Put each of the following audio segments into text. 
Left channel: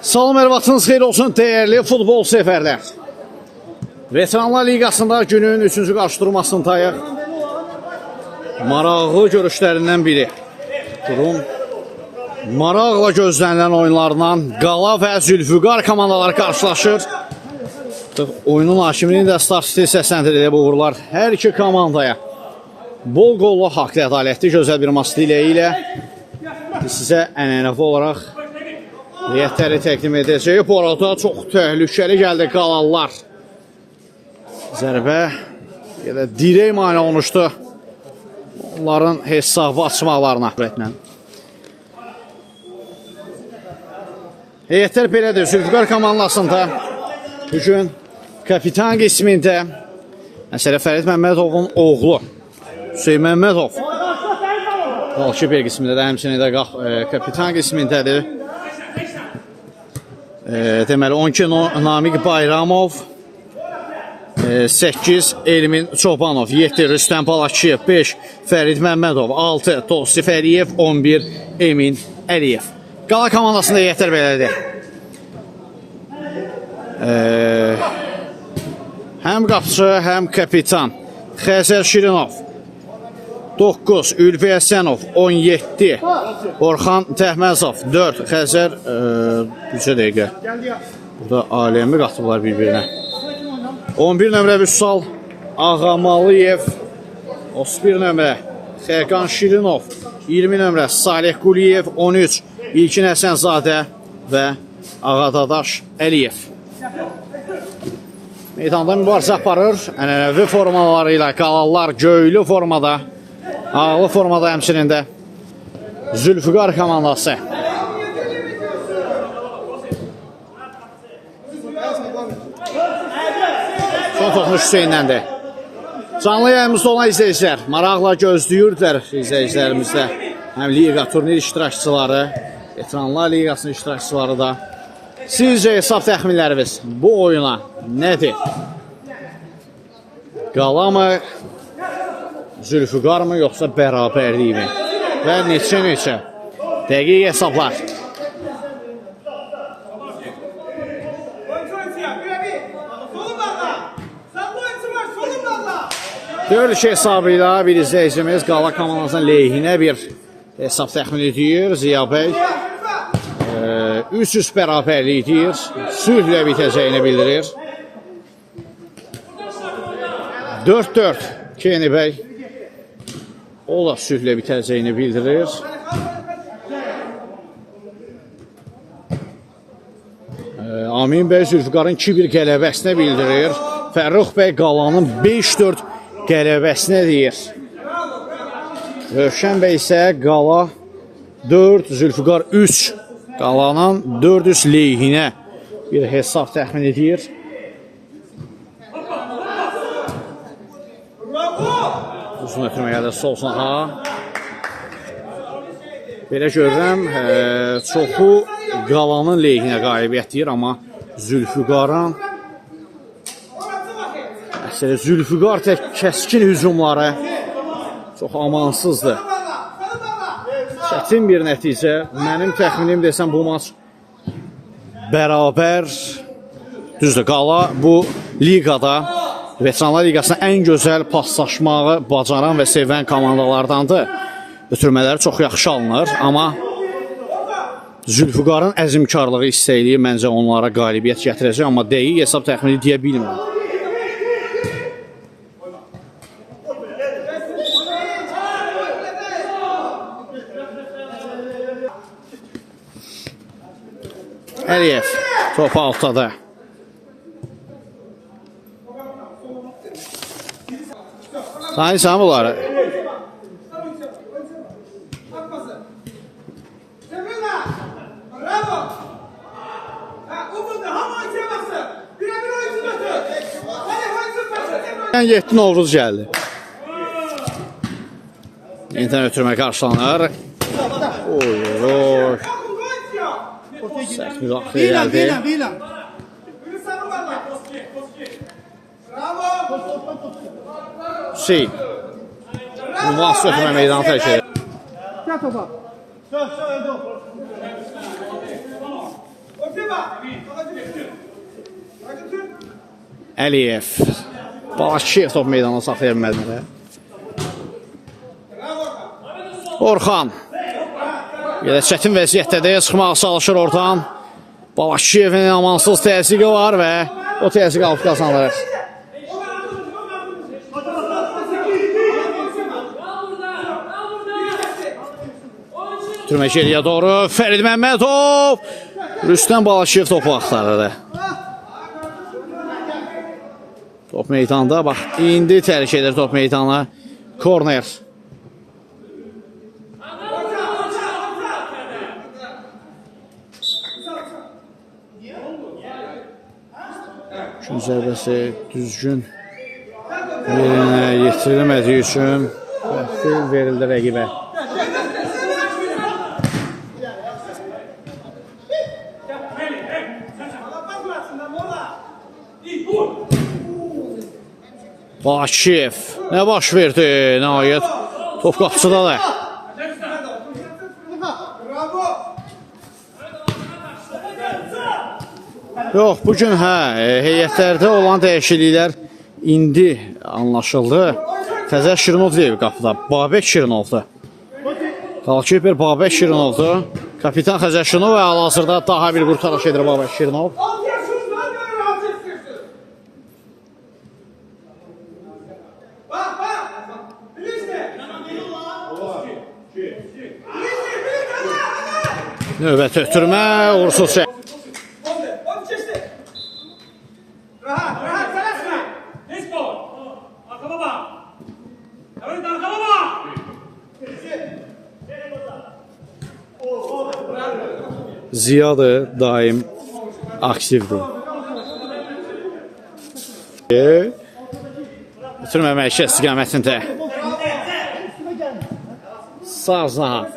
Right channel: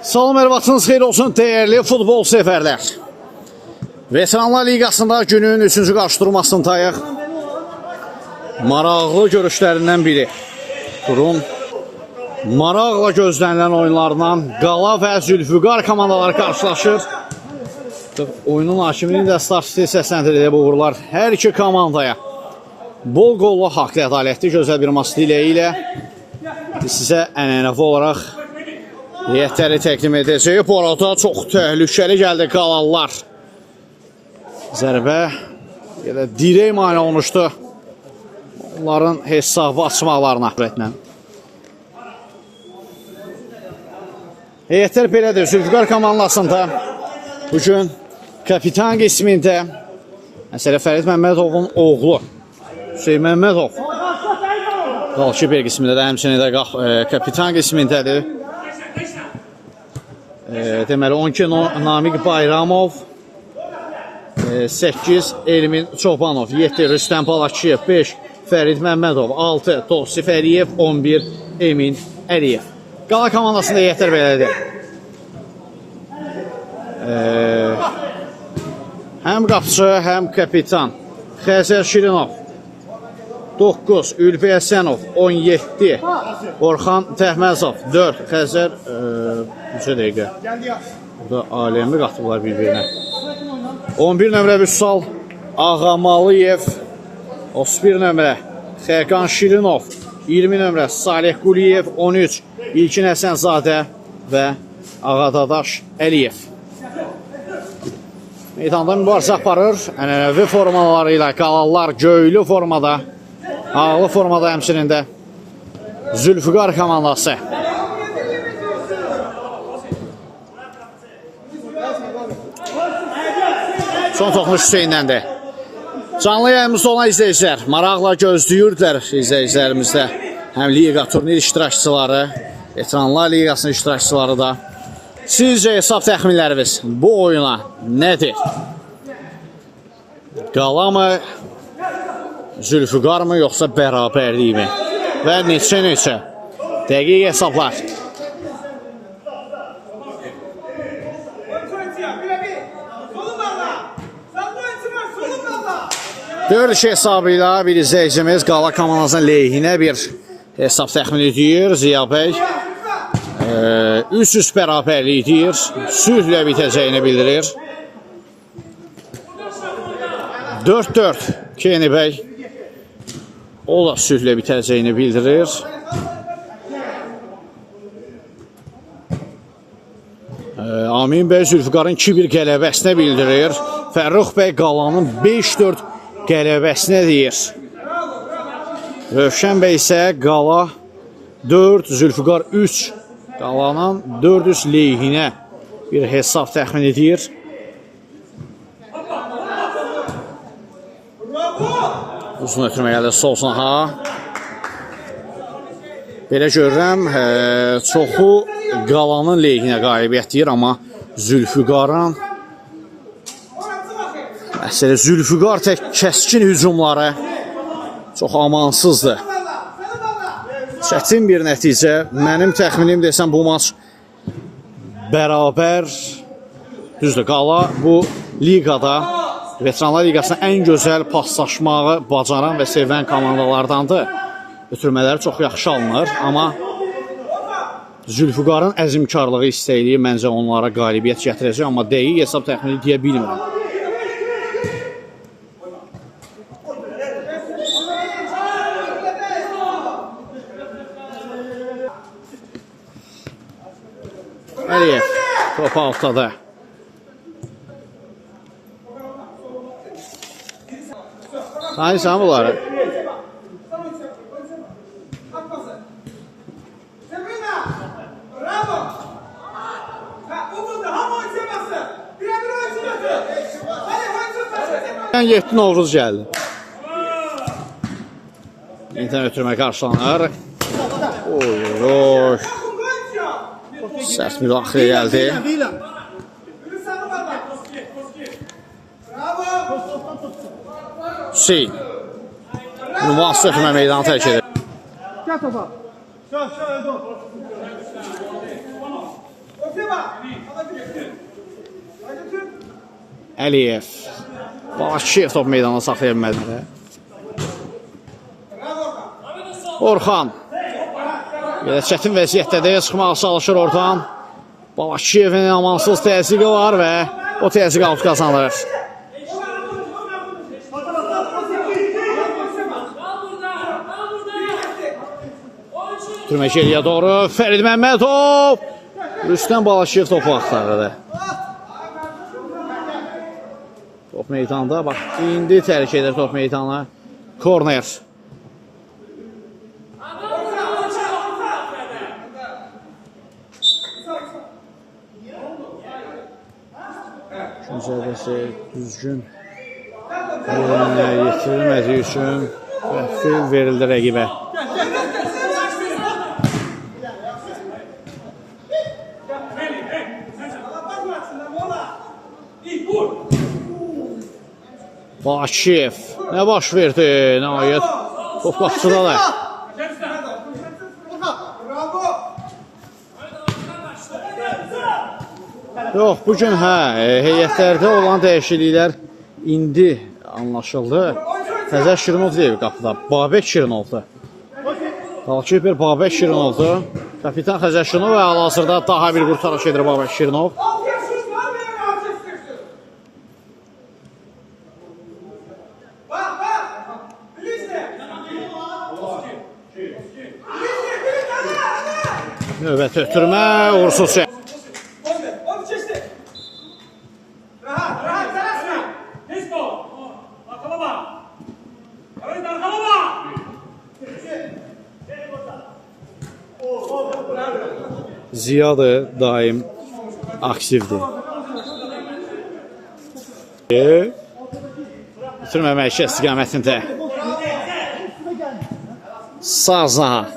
Salam, hər vaxtınız xeyir olsun dəyərli futbol səfərlər. Veteranlar Liqasında günün 3-cü qarşıdurmasındayıq. Maraqlı görüşlərindən biri. Durum maraqla gözlənilən oyunlarından Qala və Zülfüqar komandaları qarşılaşır. Oyunun hakimliyi də Starsiti səsləndirilib uğurlar hər iki komandaya. Bol qollu, haqlı, ədalətli, gözəl bir maç diləyi ilə biz sizə ənənəvi olaraq heyətləri təqdim edəcəyik. Bu arada çox təhlükəli gəldi Qalalılar. Zərbə elə dirək mane olmuşdu onların hesabı açmaqlarına. Heyətlər belədir. Zülfüqar komandasında bugün kapitan qismində məsələ Fərid Məmmədovun oğlu Hüseyin Məmmədov qalkiper qismində də həmçinin də kapitan qismindədir. Deməli 12 Namiq Bayramov, 8 Elmin Çobanov, 7 Rüstəm Balakçı, 5 Fərid Məmmədov, 6 Tosi Fəriyev, 11 Emin Əliyev. Qala komandasında heyətlər belədir. Həm qapıcı, həm kapitan Xəzər Şirinov, 9 Ülvi Əsənov, 17 Orxan Təhməzov, 4 Xəzər 3 dəqiqə. Burada aləmi qatıblar bir-birinə. 11 nömrə Vüsal Ağamalıyev, 31 nömrə Xəqan Şirinov, 20 nömrə Salih Quliyev, 13 İlkin Həsənzadə və Ağadadaş Əliyev. Meydanda mübarizə aparır. Ənənəvi formaları ilə Qalalılar göylü formada, ağlı formada həmçinin də Zülfüqar komandası. Son toxunuş Hüseyindəndir. Canlı yayımızda olan izləyicilər maraqla gözləyirdilər izləyicilərimizdə. Həm Liqa turnir iştirakçıları, Veteranlar Liqasının iştirakçıları da. Sizcə hesab təxminləriniz bu oyuna nədir? Qala mı, Zülfüqar mı, yoxsa bərabərlik mi? Və neçə dəqiq hesablar? Dörd iş hesabı ilə bir izləyicimiz Qala komandasının lehinə bir hesab təxmin edir. Ziya bəy 300 bərabərlik deyir, sülhlə bitəcəyini bildirir. 4-4 Keni bəy o da sülhlə bitəcəyini bildirir. Amin bəy Zülfüqarın 2-1 qələbəsinə bildirir. Fərrux bəy Qalanın 5-4 qələbəsinə deyir. Rövşən bəy isə Qala 4, Zülfüqar 3. Qalanın 400 lehinə bir hesab təxmin edir. Uzun ötürməyə sol sanaha. Belə görürəm, çoxu Qalanın lehinə qalibiyyət deyir, amma Zülfüqarın məsələ Zülfüqar tək kəskin hücumları çox amansızdır. Çətin bir nəticə. Mənim təxminim desəm bu maç bərabər. Düzdür, Qala bu liqada Veteranlar Liqasının ən gözəl paslaşmağı bacaran və sevən komandalardandır. Ötürmələri çox yaxşı alınır, amma Zülfüqarın əzmkarlığı istəkliyi məncə onlara qalibiyyət gətirəcək, amma dəqiq hesab təxmini deyə bilmirəm. Əliyev top altıda. Tanıyırsan bunları? Yəni 7 Novruz gəldi. Yenidən ötürmə qarşılanır. Oy. Sərt müdaxilə gəldi. Hüseyin müasir ötürmə meydana tərk edir. Gel topa. Əliyev. Balaşkiyev top meydana saxlaya bilmədi. Orxan. Yenə çətin vəziyyətdədir, çıxmağa çalışır oradan. Balaşkiyevin amansız təzyiqi var və o təzyiq alıb qazanır. Türmə geriyə doğru Fərid Məmmədov. Rüstəm Balaşkiyev topu axtarırdı. Top meydanda, bax, indi tərk edir top meydana. Korner. Üçün zərbəsi düzgün yerinə yetirilmədiyi üçün vəxtil verildi rəqibə. Balaşkiyev nə baş verdi? Nəhayət top qapısıdadır. Yox, bugün heyətlərdə olan dəyişikliklər indi anlaşıldı. Təzər Şirinov deyil qapıda. Babək Şirinovdur. Qalkiper Babək Şirinovdur. Kapitan Xəzər Şirinov və hal-hazırda daha bir qurtarış edir Babək Şirinov. Növbət ötürmə, uğursuz şey. Ziyadır, daim aktivdir. Bitirməmək istiqamətində. Sazna,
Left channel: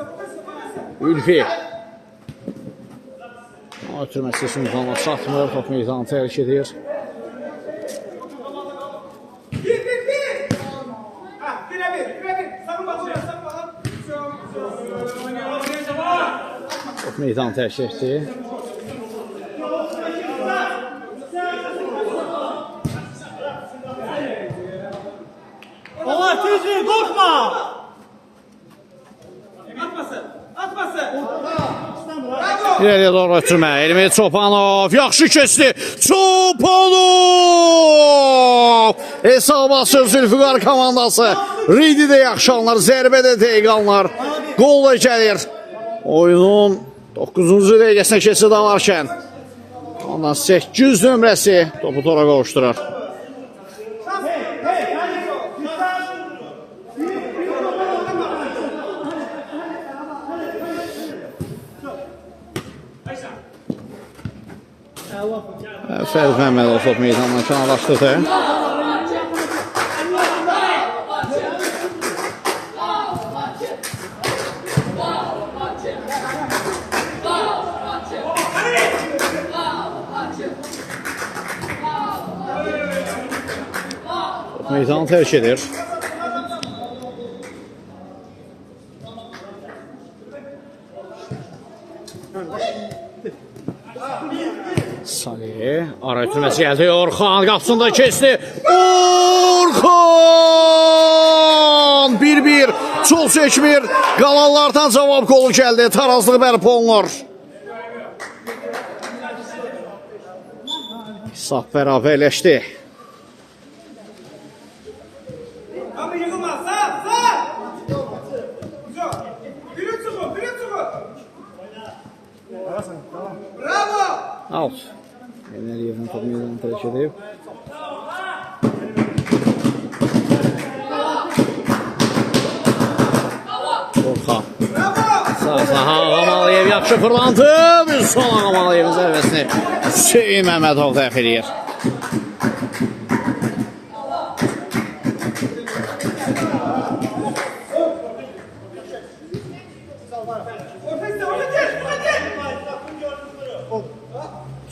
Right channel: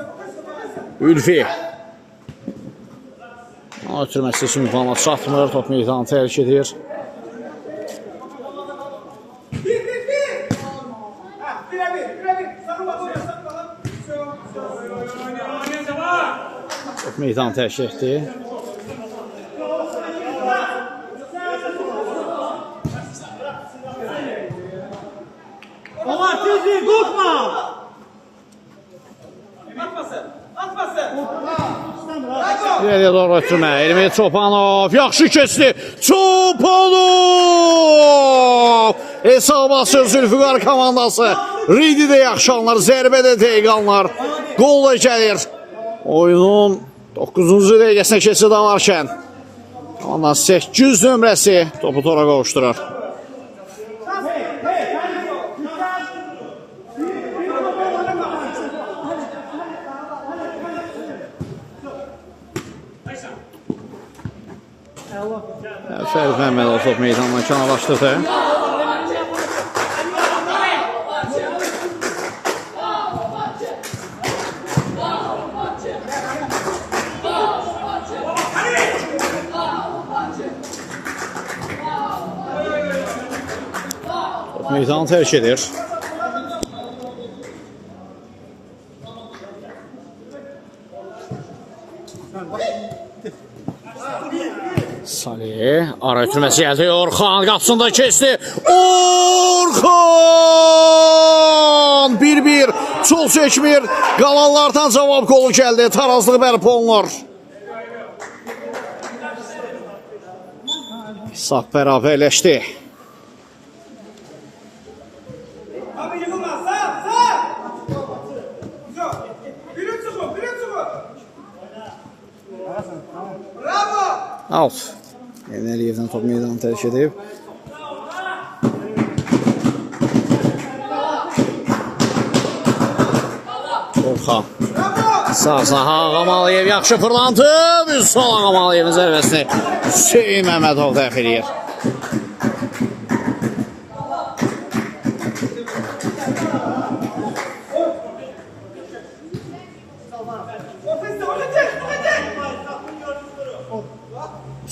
Ülfi. Ötürməsi üçün bana çatmır, top meydanı tərk edir. Top meydanı tərk etdi. Allah tezliği korkma! İleriyə doğru ötürmə. Elmi Çopanov. Yaxşı keçdi. Çopanov. Hesab açır Zülfüqar komandası. Ridi də yaxşı anlar. Zərbə də dəqiq anlar. Qol da gəlir. Oyunun 9-cu dəqiqəsinə keçid alarkən. Ondan 8 nömrəsi topu tora qovuşdurar. Fərid Məmmədov top meydandan kənarlaşdırdı. Top meydanı tərk edir. Salih, ara ötürməsi gəldi. Orxan qapısında keçdi. Orxan! 1-1. Çox çəkmir. Qalanlardan cavab qolu gəldi. Tarazlıq bərpa olunur. Saf bərabərləşdi. Out. Əliyevdən top meydanı tərk edib. Orxan. Sağ-sağ Ağamalıyev yaxşı fırlandı. Son Ağamaliyevin zərbəsini Hüseyin Məmmədov dəxil edir.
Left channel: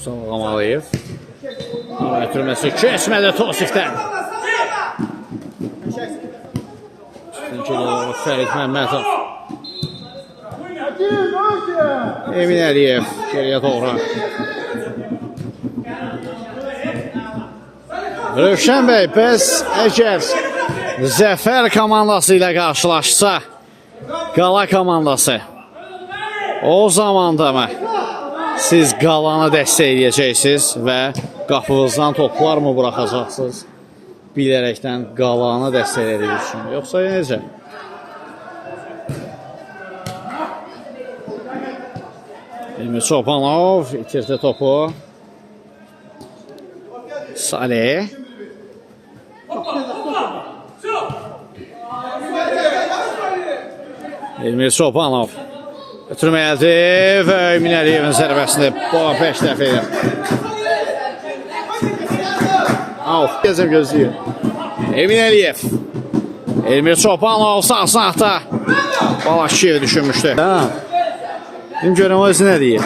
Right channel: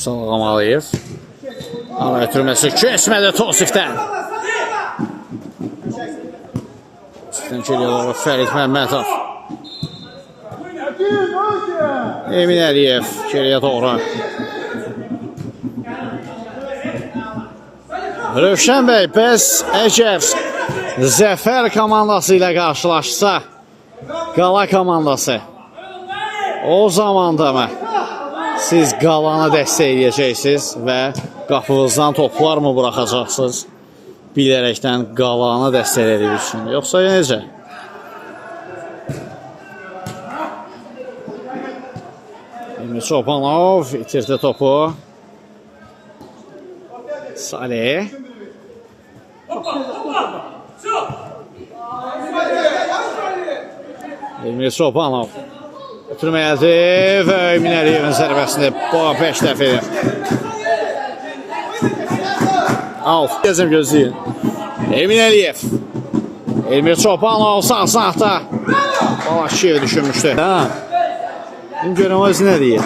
Son Ağamalıyev. Ara ötürməsi kəsmədi Tosifdən. Üstün geliyor Fərid Məmmədov. Emin Əliyev geriyə doğru. Rövşən bəy, bəs əgər Zəfər komandası ilə qarşılaşsa, Qala komandası, o zaman da mı siz Qalanı dəstəkləyəcəksiniz və qapınızdan toplar mı buraxacaqsınız? Bilərəkdən Qalanı dəstəklədiyi üçün. Yoxsa necə? Emir Çobanov itirdi topu. Salih. Emir Çobanov ötürməyəldi və Emin Əliyevin zərbəsini 5 dəfə edir. Gezim gözləyir. Emin Əliyev. Emir Çobanov sağ sağda. Bala şiyə düşünmüşdü. Bizim görəm o nə deyir.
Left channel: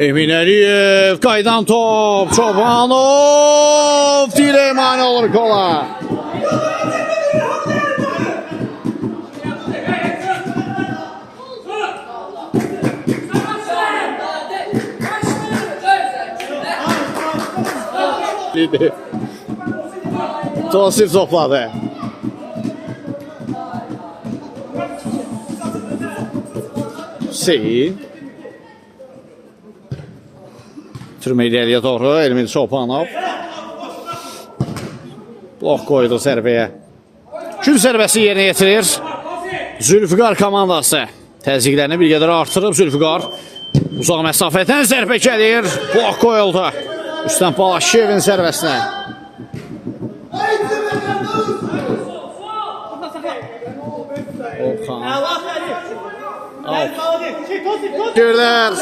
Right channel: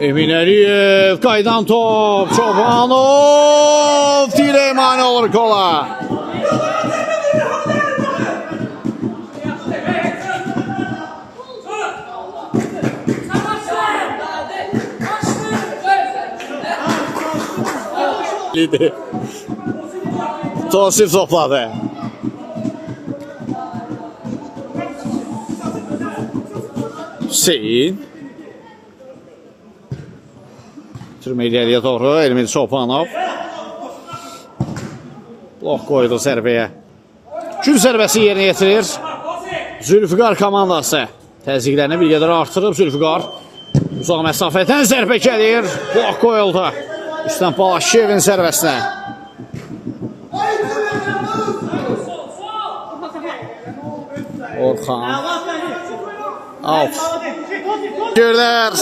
Emin Əliyev qaydan top. Çobanov dirək mani olur kola. Tosif topladı. Hüseyin. Türmə ileriyə doğru Emir Çobanov. Blok qoydu zərbəyə. Gül zərbəsi yerinə yetirir. Zülfüqar komandası təzyiqlərini bir qədər artırıb. Zülfüqar uzaq məsafədən zərbə gəlir. Blok qoyuldu. Üstən Balaşiyevin zərbəsinə. Orxan. Alt. Görlər.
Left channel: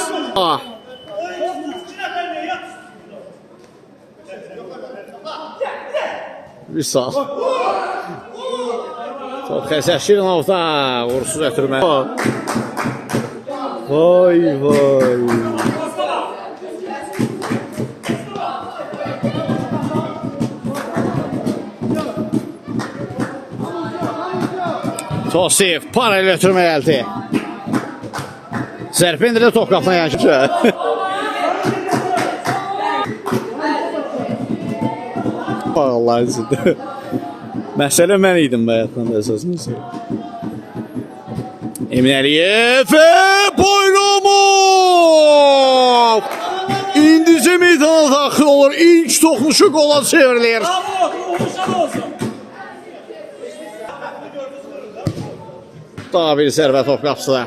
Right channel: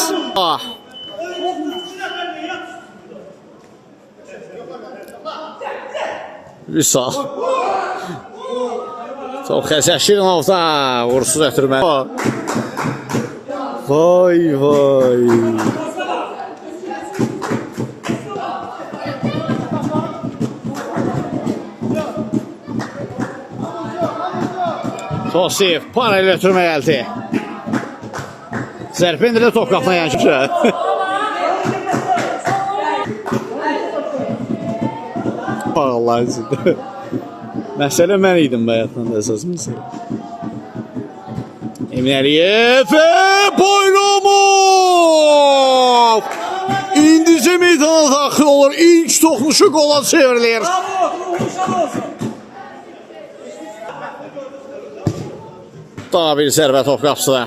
Vüsal. Çox xəsəşirin olsa vursuz ötürmə. Vay vay. Tosif parayla ötürmə gəldi. Zərfin ilə top qaplayan kimsə. Allah izin. Məsələ mən idim bayaqdan da əsasımızı. Emin Əliyev Boylumov İndicə meydana daxil olur. İlk toxunuşu qola çevrilir. Daha bir zərbə top qapsıda.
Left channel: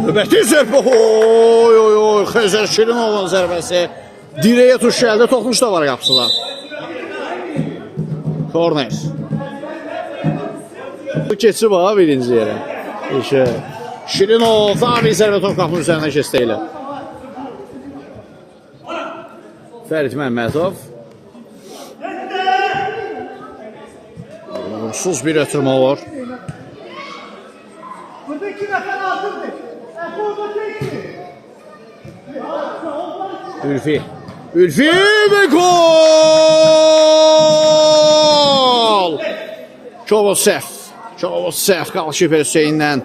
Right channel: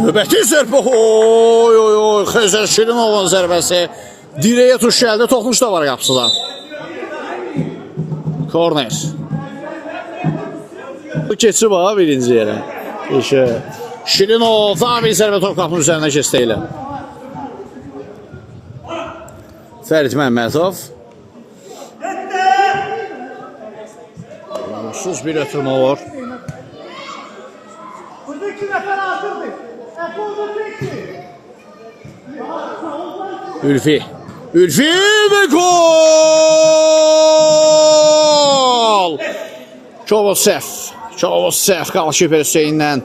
Növbəti zərbə. Oy oy oy. Xəzər Şirimovun zərbəsi. Dirəyə tuş gəldi. Toxunuş da var qapsıda. Korner. Keçib ha birinci yerə. Şirinov daha bir zərbə top qapının üzərinə keçdi ilə. Fərid Məmmədov. Onsuz bir ötürmə var. Ülfi. Ülfi ve gol! Çovosef. Çovosef Qalşip Hüseyinlə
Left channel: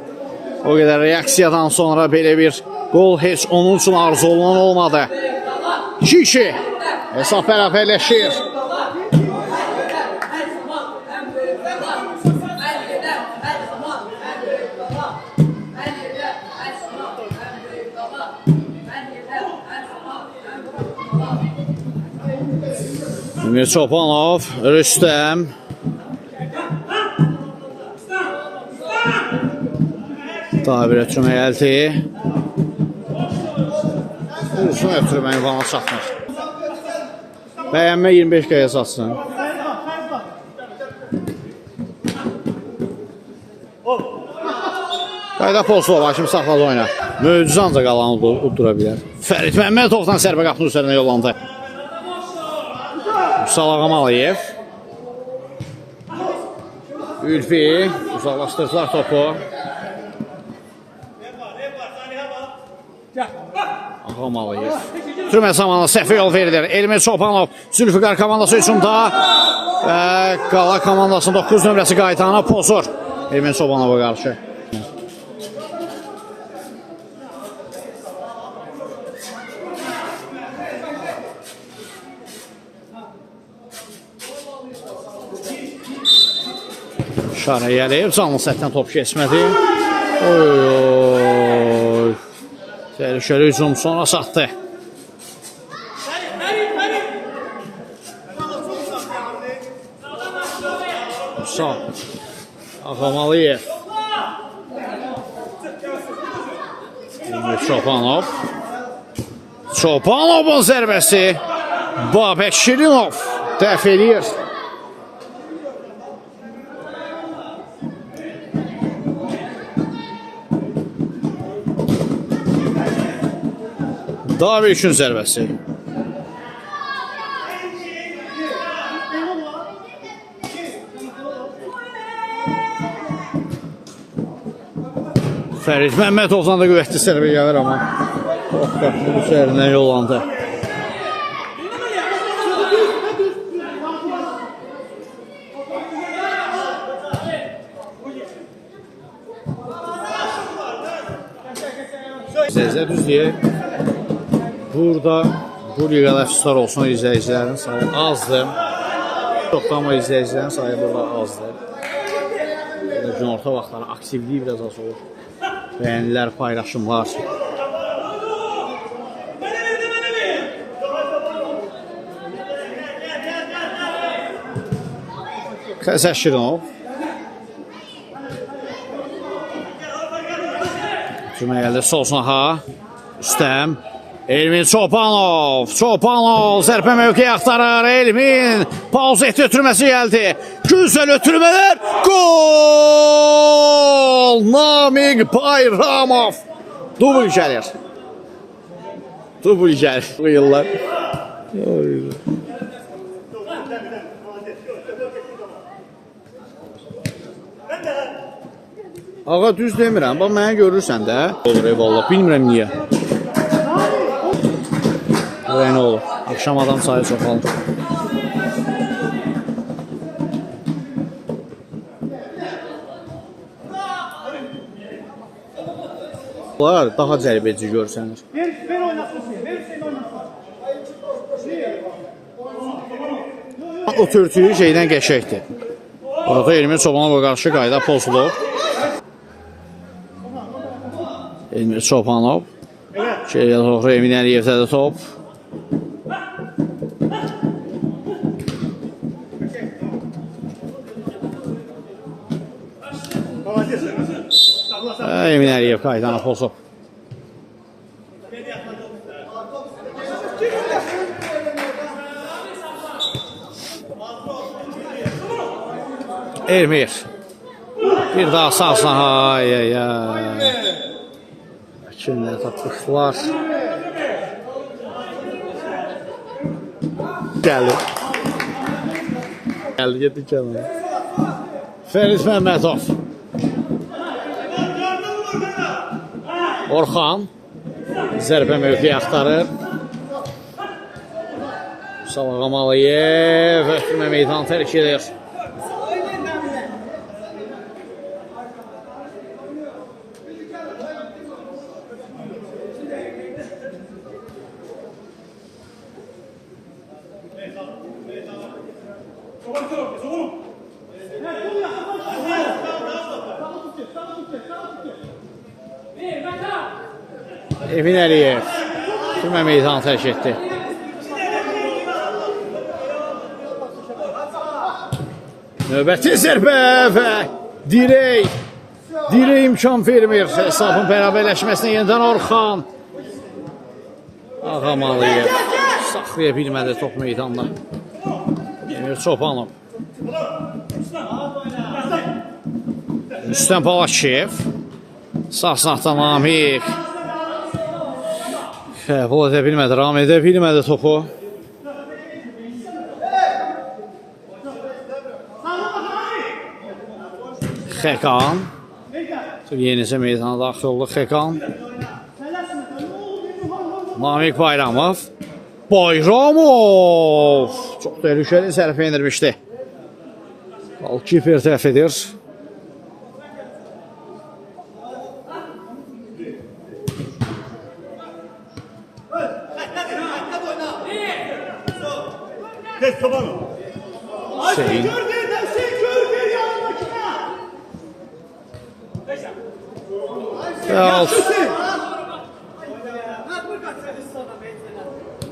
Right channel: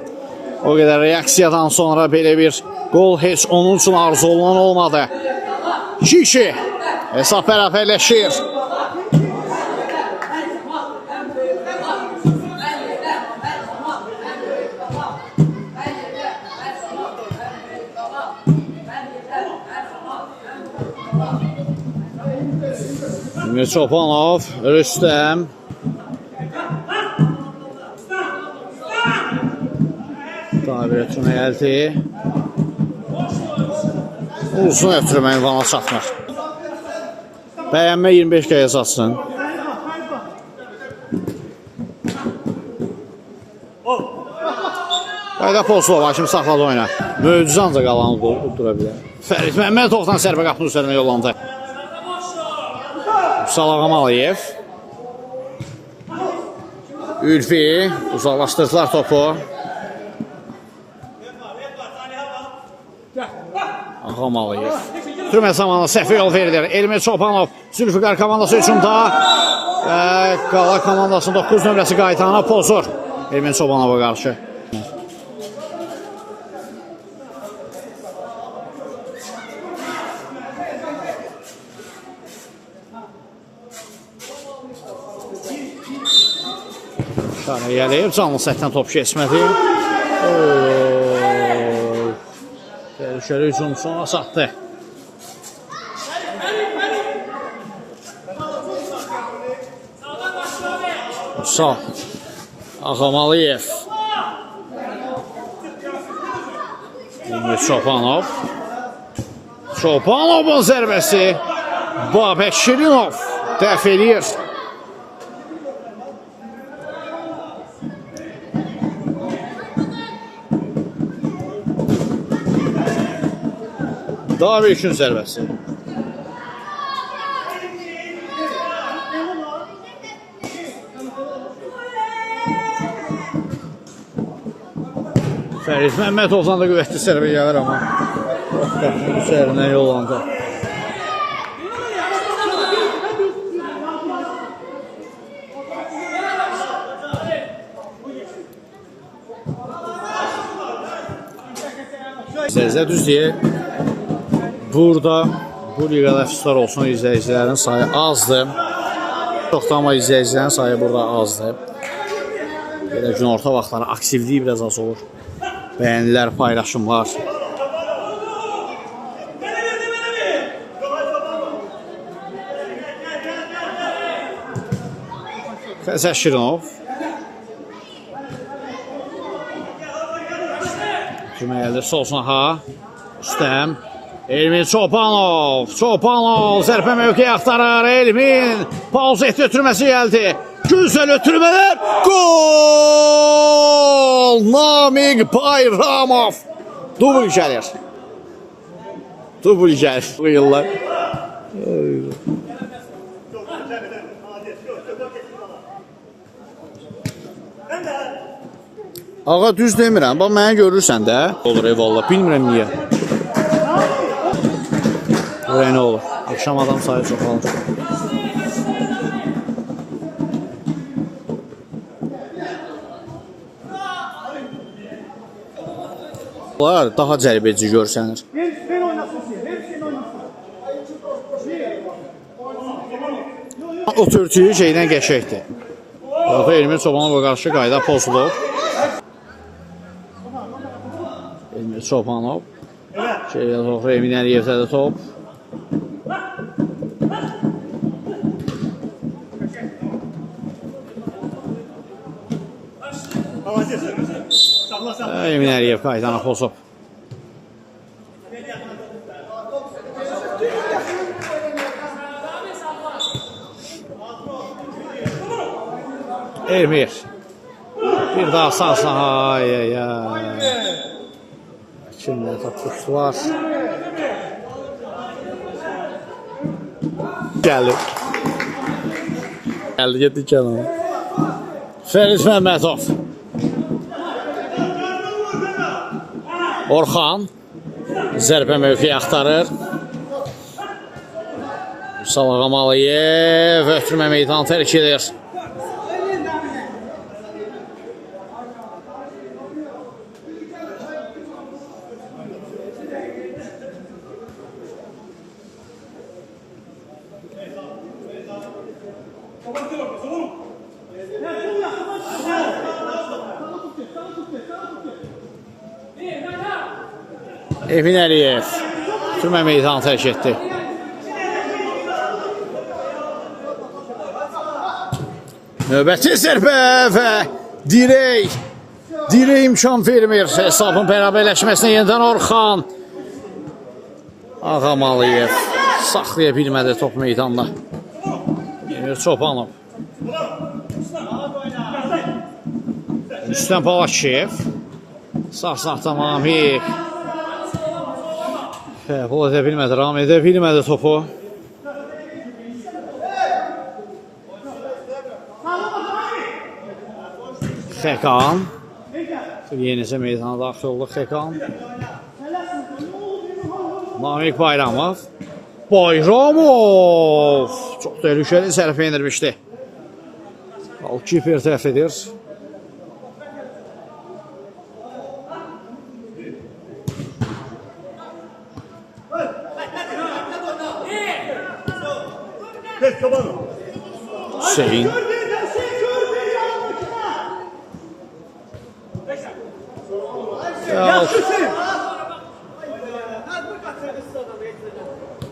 o qədər reaksiyadan sonra belə bir gol heç onun üçün arzu olunan olmadı. Kişi. Hesab bərabərləşir. Emir Çobanov, Rüstəm. Daha bir ötürmə gəldi. Uzun ötürmə imkana çatmır. Bəyənmə 25 qəyə satsın. Qayda Polsova başım saxladı oyuna. Möcüzə ancaq Qalanı uddura bilər. Fərid Məmmədovdan zərbə qapının üzərinə yollandı. Salağam Aliyev. Ülfi uzaqlaşdırdılar topu. Ağam Aliyev. ötürmə zamanı səhvə yol verilir. Elmir Çobanov Zülfüqar komandası üçündə Qala komandasının 9 nömrəsi qayıtana pozur. Elmir Çobanova qarşı. Şara yələyib, canlı səhvdən top keçmədi. Təhlükəli hücum sonra satdı. Sağ. Ağamalıyev. Çobanov. Çobanovun zərbəsi. Babək Şirinov dəf eləyir. Daveşin zərbəsi. Fərid Məmmədovdan da qüvvətli zərbə gəlir amma. Bu sərinə yollandı. Səzə düz deyək. Burada bu liqada əfsuslar olsun, izləyicilərin sayı azdır. Çoxda amma izləyicilərin sayı burada azdır. Belə gün orta vaxtları aktivliyi biraz az olur. Bəyənilər, paylaşımlar. Xəzər Şirinov. Cümə gəldi, solsun ha. Üstəm. Elmin Çobanov. Çobanov zərfə mövqeyi axtarır. Elmin pauza etdi, ötürməsi gəldi. Güzel ötürmələr. Gol! Namiq Bayramov. Dubl gəlir. Dubl gəlir. Bu yıllar. Ağa düz demirəm. Bax mənə görürsən də. Olur eyvallah. Bilmirəm niyə. Buraya nə olur? Akşam adam sayı çoxalır. Bunlar daha cəlbedici görsənir. Ver oynasın size. Ver seni oynasın. O törtüyü şeydən qəşəkdir. Orada Elmir Çobanova qarşı qayda pozulub. Elmir Çobanov. Şeylə doğru Emin Əliyevdə də top. Emin Əliyev qaydana pozub. Elmir. Bir daha sağsına. Ay ay ay. Kimlə tapışdılar. Gəldi. Gəldi, getdi kənara. Fərid Məmmədov. Orxan zərbə mövqeyi axtarır. Salağamalıyev ötürmə meydanı tərk edir. Emin Əliyev türmə meydanı tərk etdi. Növbəti zərbə və dirək imkan vermir. Hesabın bərabərləşməsinə yenidən Orxan. Ağamalıyev saxlaya bilmədi top meydanına. Emir Çobanov. Üstən Palaşev. Sağ-sağdan Namiq. Bu edə bilmədi, ram edə bilmədi topu. Xəqan. Yenicə meydana daxil oldu Xəqan. Namiq Bayramov. Bayramov çox təhlükəli zərbə endirmişdi. Golkiper dəf edir. Hüseyin.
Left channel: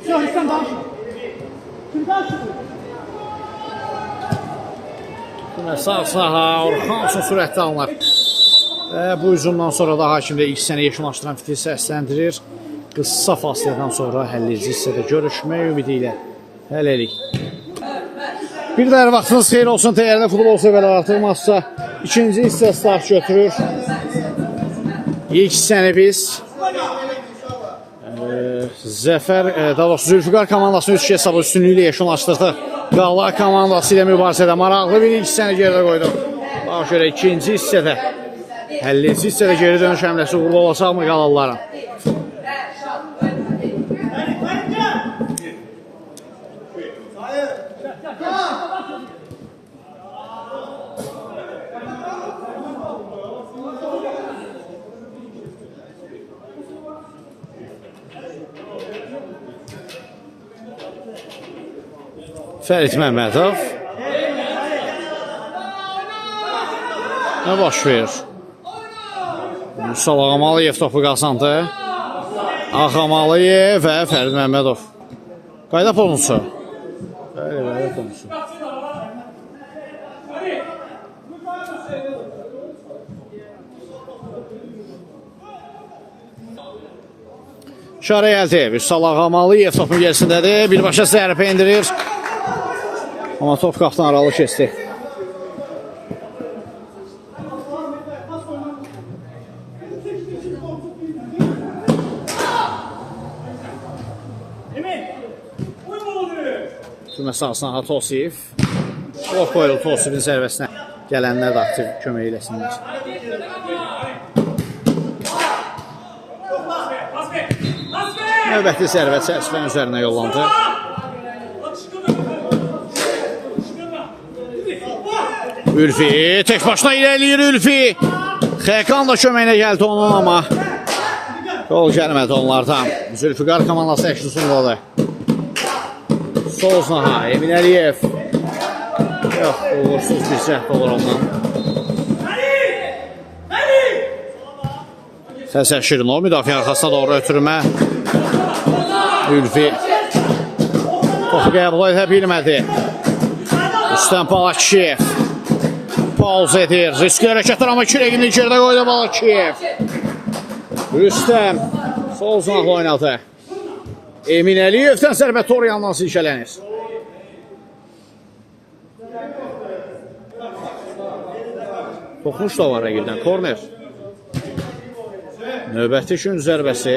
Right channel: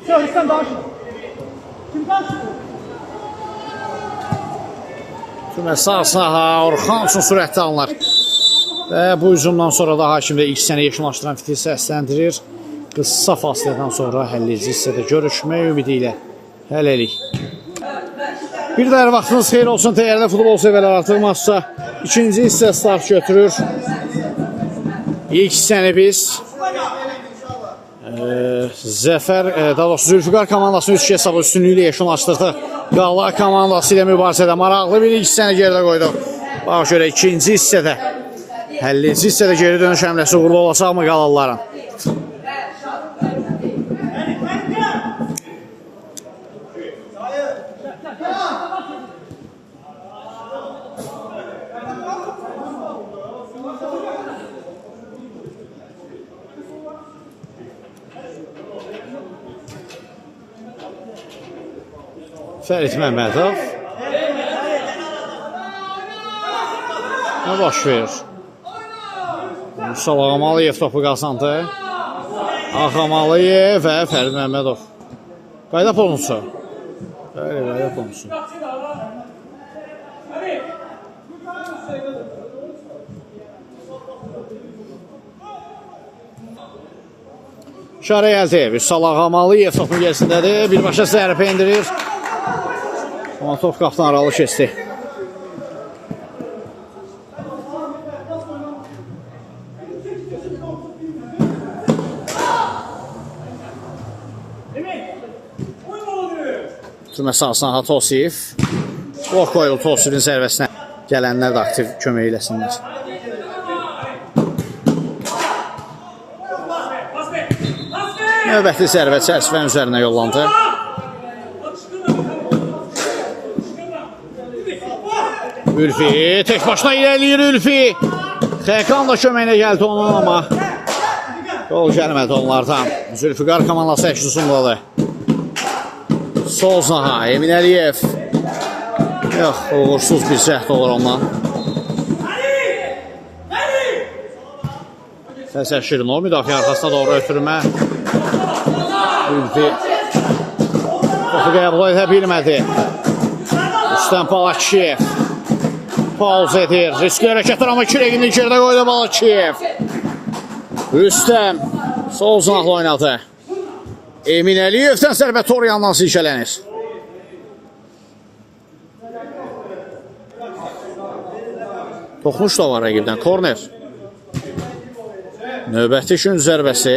Şahıstan daha çok. Kim daha çok? Məsasına Orxan üçün sürətli alınır. Və bu hücumdan sonra da hakimdə ilk səni yekunlaşdıran fitili səsləndirir. Qısa fasilədən sonra həlləyici hissədə görüşmək ümidi ilə hələlik. Bir də hər vaxtınız xeyir olsun, dəyərli futbol sevərlər, artıq matçda ikinci hissə start götürür. İlk hissəni biz Zəfər, daha doğrusu Zülfüqar komandasını 3-2 hesabı üstünlüyü ilə yekunlaşdırdı. Qala komandası ilə mübarizədə maraqlı bir ilk hissəni geridə qoydu. Bax şöyle ikinci hissədə, həlləyici hissədə geri dönüş həmləsi uğurlu olacaqmı qalalıların? Fərid Məmmədov. Nə baş verir? Mustafa Ağamalıyev topu qazandı. Ağamalıyev və Fərid Məmmədov. Qayda pozunsu. Bəli, qayda pozunsu. İşarə əldə. Mustafa Ağamalıyev topun gerisindədir. Birbaşa zərbə endirir. Amma top qapdan aralı keçdi. Məsasına Tosiyev. Blok qoyuldu Tosiyevin zərbəsinə. Gələnlər də aktiv kömək eləsinlər. Növbəti zərbə çərçivənin üzərinə yollandı. Ülfi tek başına ilerləyir Ülfi. Xəqan da köməyinə gəldi onun amma gol gəlmədi onlardan. Zülfüqar komandası əksüsündadır. Sol zana Emin Əliyev. Yox, uğursuz bir cəhd olur ondan. Fəzəl Şirinov müdafiə arxasına doğru ötürmə. Ülfi topu qəbul edə bilmədi. Rüstəm Balakişiyev pauz edir. Riskli hərəkətlər amma kürəyini içəridə qoydu Balakişiyev. Rüstəm sol zanaqla oynadı. Emin Əliyevdən zərbə tor yandan silkələnir. Toxuş da var rəqibdən. Korner. Növbəti gün zərbəsi.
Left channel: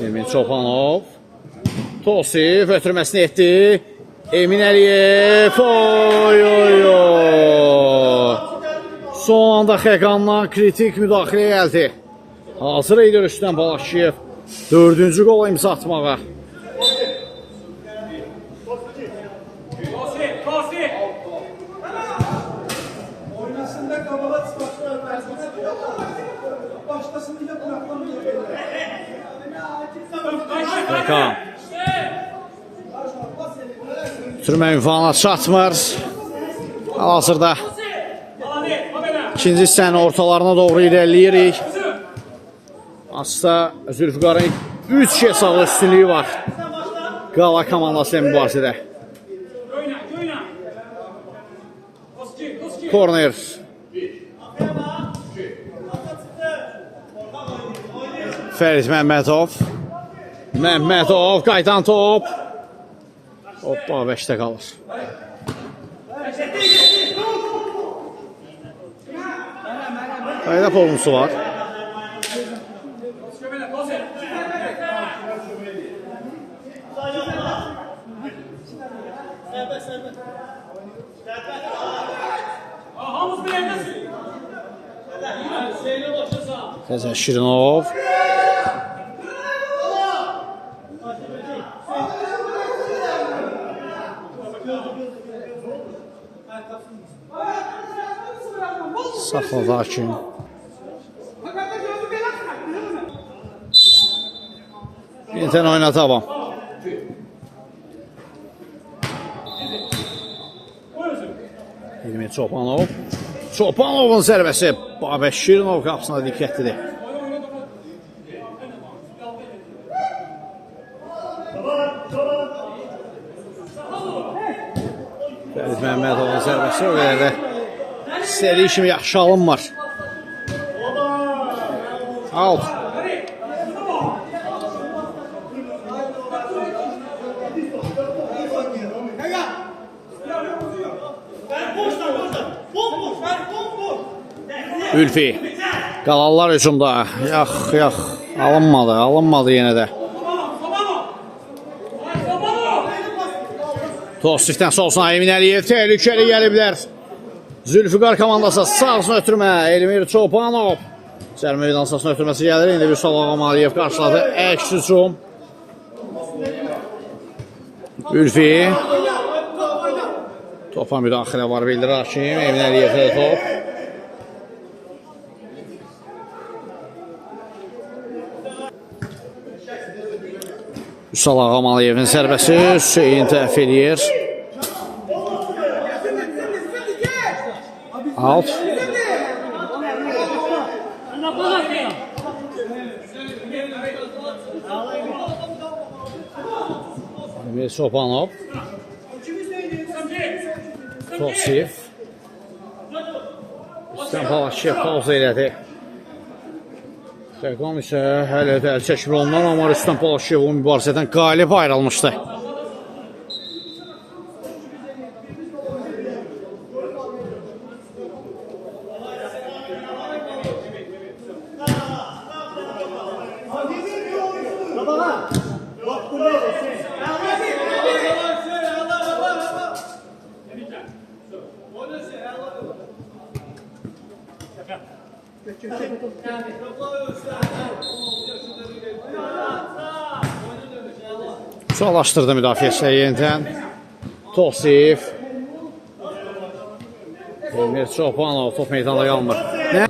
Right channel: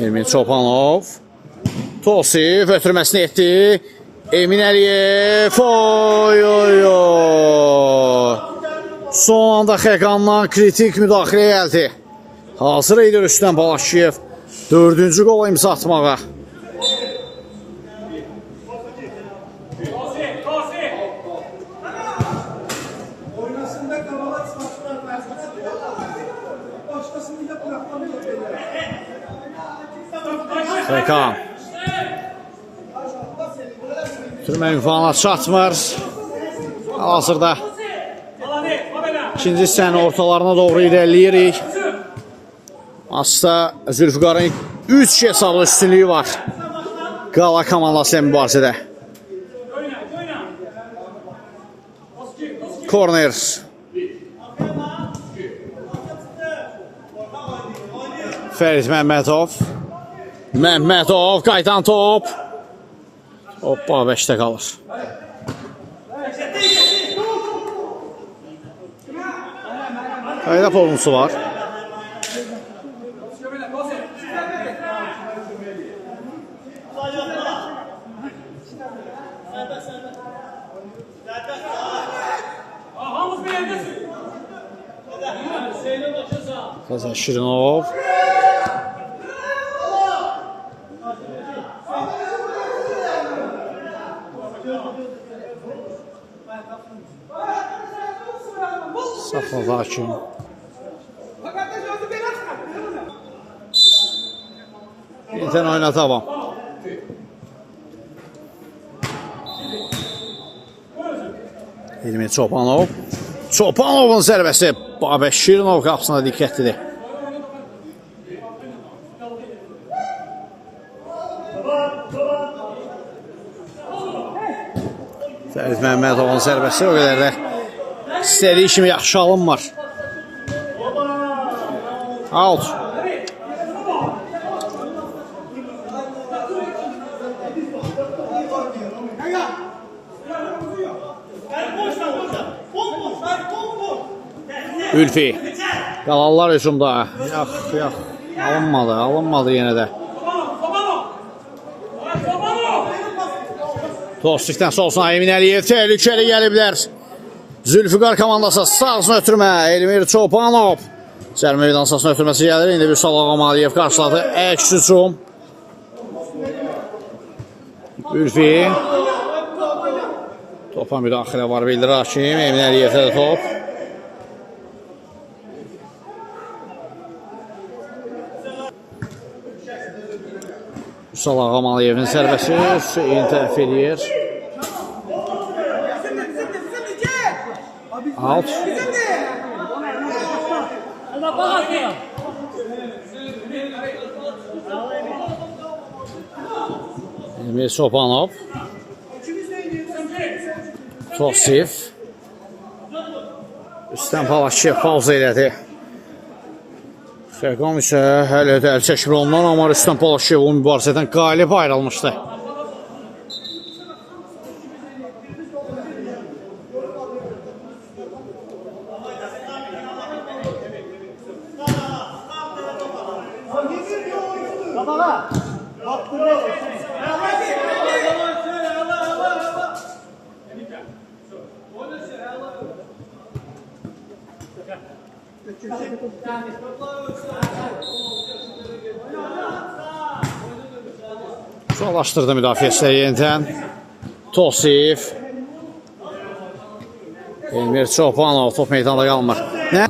Emin Çopanov. Tosiyev ötürməsini etdi. Emin Əliyev. Oy oy oy. Son anda Xəqandan kritik müdaxilə gəldi. Hazır idi Rüstəm Balakişiyev 4-cü qola imza atmağa. Xəqan Türmə ünvanına çatmır. Hazırda ikinci hissənin ortalarına doğru irəliləyirik. Aslında Zülfüqarın 3 hesablı üstünlüyü var. Qala komandası ilə mübarizədə. Korner. Fərid Məmmədov. Məmmədov qaydan top. Hoppa 5'te qalır. Qayda pozuntusu var. Fəzəl Şirinov. Saxladı hakim. Yenidən oyuna davam. İlmi Çobanov. Çobanovun zərbəsi Babək Şirinov qapısına diqqətlidir. Fərid Məmmədovun zərbəsi o qədər də istədiyi kimi yaxşı alınmır. Out. Ülfi. Qalanlar hücumda. Yox. Alınmadı yenə də. Tosifdən solsun Emin Əliyev təhlükəli gəliblər. Zülfüqar komandası sağsına ötürmə. Elmir Çobanov. Cərmə meydan sahasına ötürməsi gəlir. İndi bir Salağam Aliyev qarşıladı. Əks hücum. Ülfi. Topa müdaxilə var bildirir hakim. Emin Əliyevdə də top. Salağam Aliyevin zərbəsi Hüseyin təhv edir. Alt. Emir Çobanov. Tosif. Üstən Palaşev pauza elədi. Fəqam isə hələ də əl çəkir ondan, amma Rüstəm Palaşev o mübarizədən qalib ayrılmışdı. Çolaşdırdı müdafiəsi yenidən. Tosif. Elmir Çobanov top meydanda qalmır. Nə?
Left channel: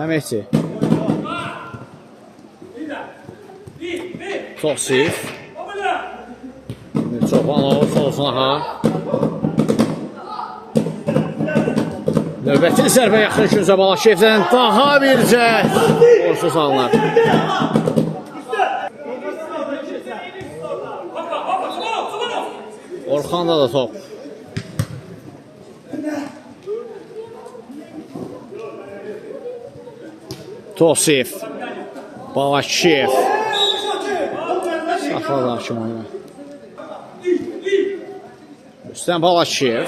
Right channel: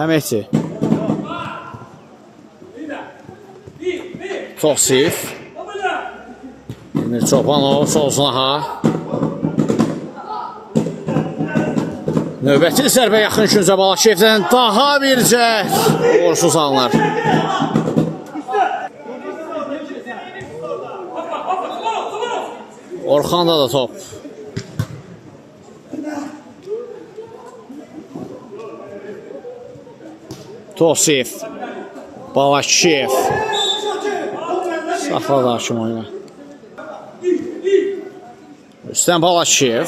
Əhməti. Tosif. Elmir Çobanov solsunaha. Növbəti zərbə yaxın Küncə Balaşevdən daha bir zərb. Uğursuz alınır. Orxanda da top. Tosif. Balaşev. Saxladı hakim oyuna. Üstən Balaşev.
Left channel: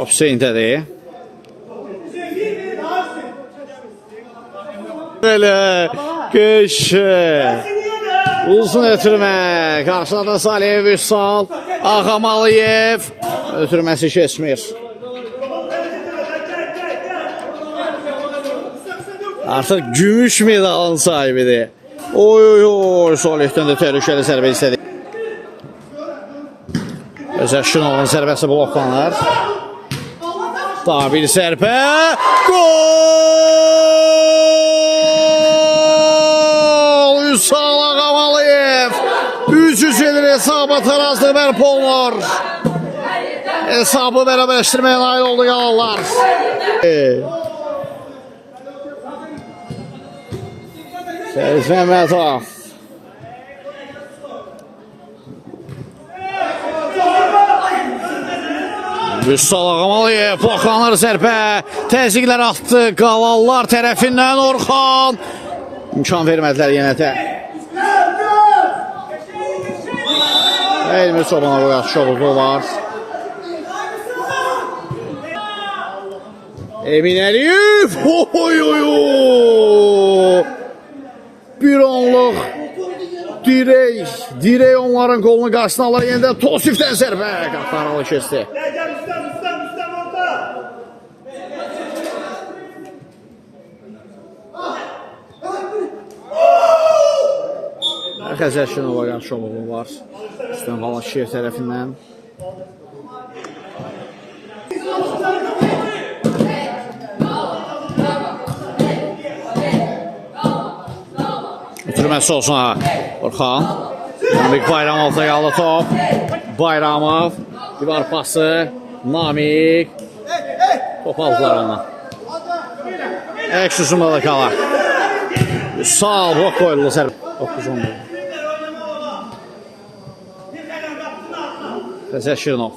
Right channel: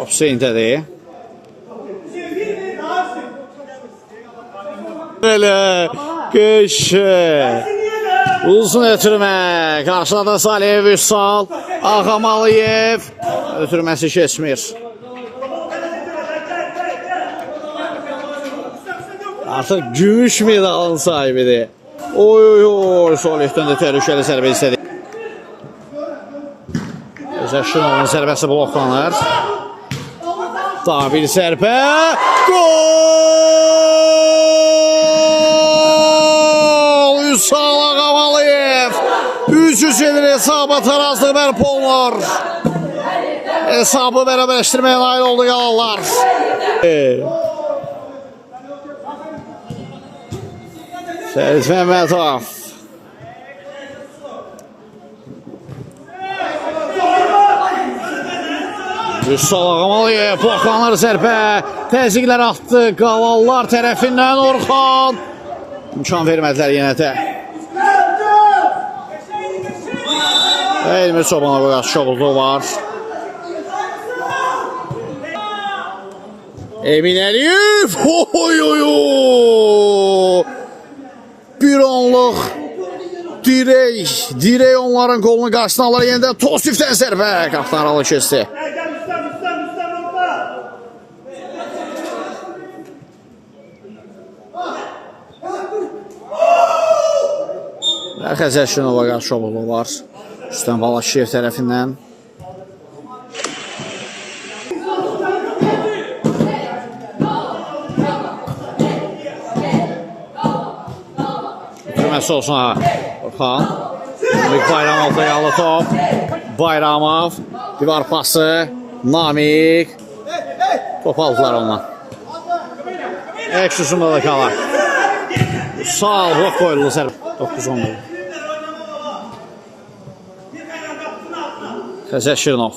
Hüseyindədir. Belə qışı. Uzun ötürmə. Qarşıladı Saliyev Üssal. Ağam Aliyev. Ötürməsi keçmir. Artıq gümüş medalın sahibidir. Oy. Solihdən də təhlükəli zərbə istədi. Özək Şinovun zərbəsi bloklanır. Daha bir zərbə. Gol! Üssal Ağam Aliyev. 300 edir hesabı tarazlıq bərpa olunur. Hesabı bərabərləşdirməyə nail oldu yalanlar. Fəriz Məmmədov. Üssal Ağam Aliyev bloklanır zərbə. Təzyiqlər atdı qalanlar tərəfindən Orxan. İmkan vermədilər yenə də. Elmir Çobanova qarşı şoğulluğu var. Emin Əliyev. Bir anlıq dirək onların qolunu qarşısına alır. Yenə də Tosifdən zərbə. Qaptan alı kesti. Xəzər Şenova qarşı oğlu var. Rüstəm Balaşiyev tərəfindən. Ötürməsi olsun ha. Orxan. Namik Bayramov da yalı top. Bayramov. Divar pası. Namik. Top aldılar ondan. Eksusunda da kalar. Sağ ol, blok koyuldu sərb. 9-10. Xəzər Şirinov.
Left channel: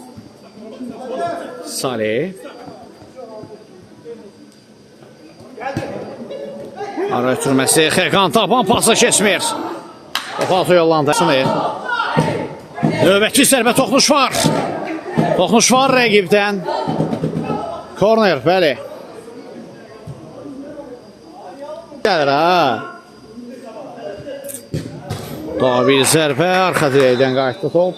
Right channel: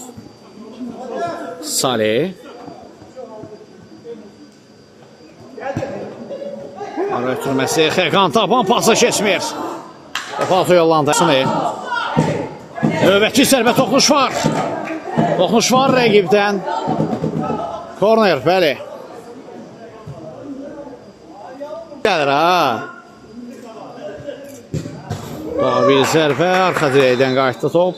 Salih. Ara ötürməsi. Xəqan tapan pası kesmir. Topu yollandı. Növbətçi sərbə toxunuş var. Toxunuş var rəqibdən. Korner, bəli. Gəlir ha. Daha bir zərbə. Arxa dirəkdən qayıtdı top.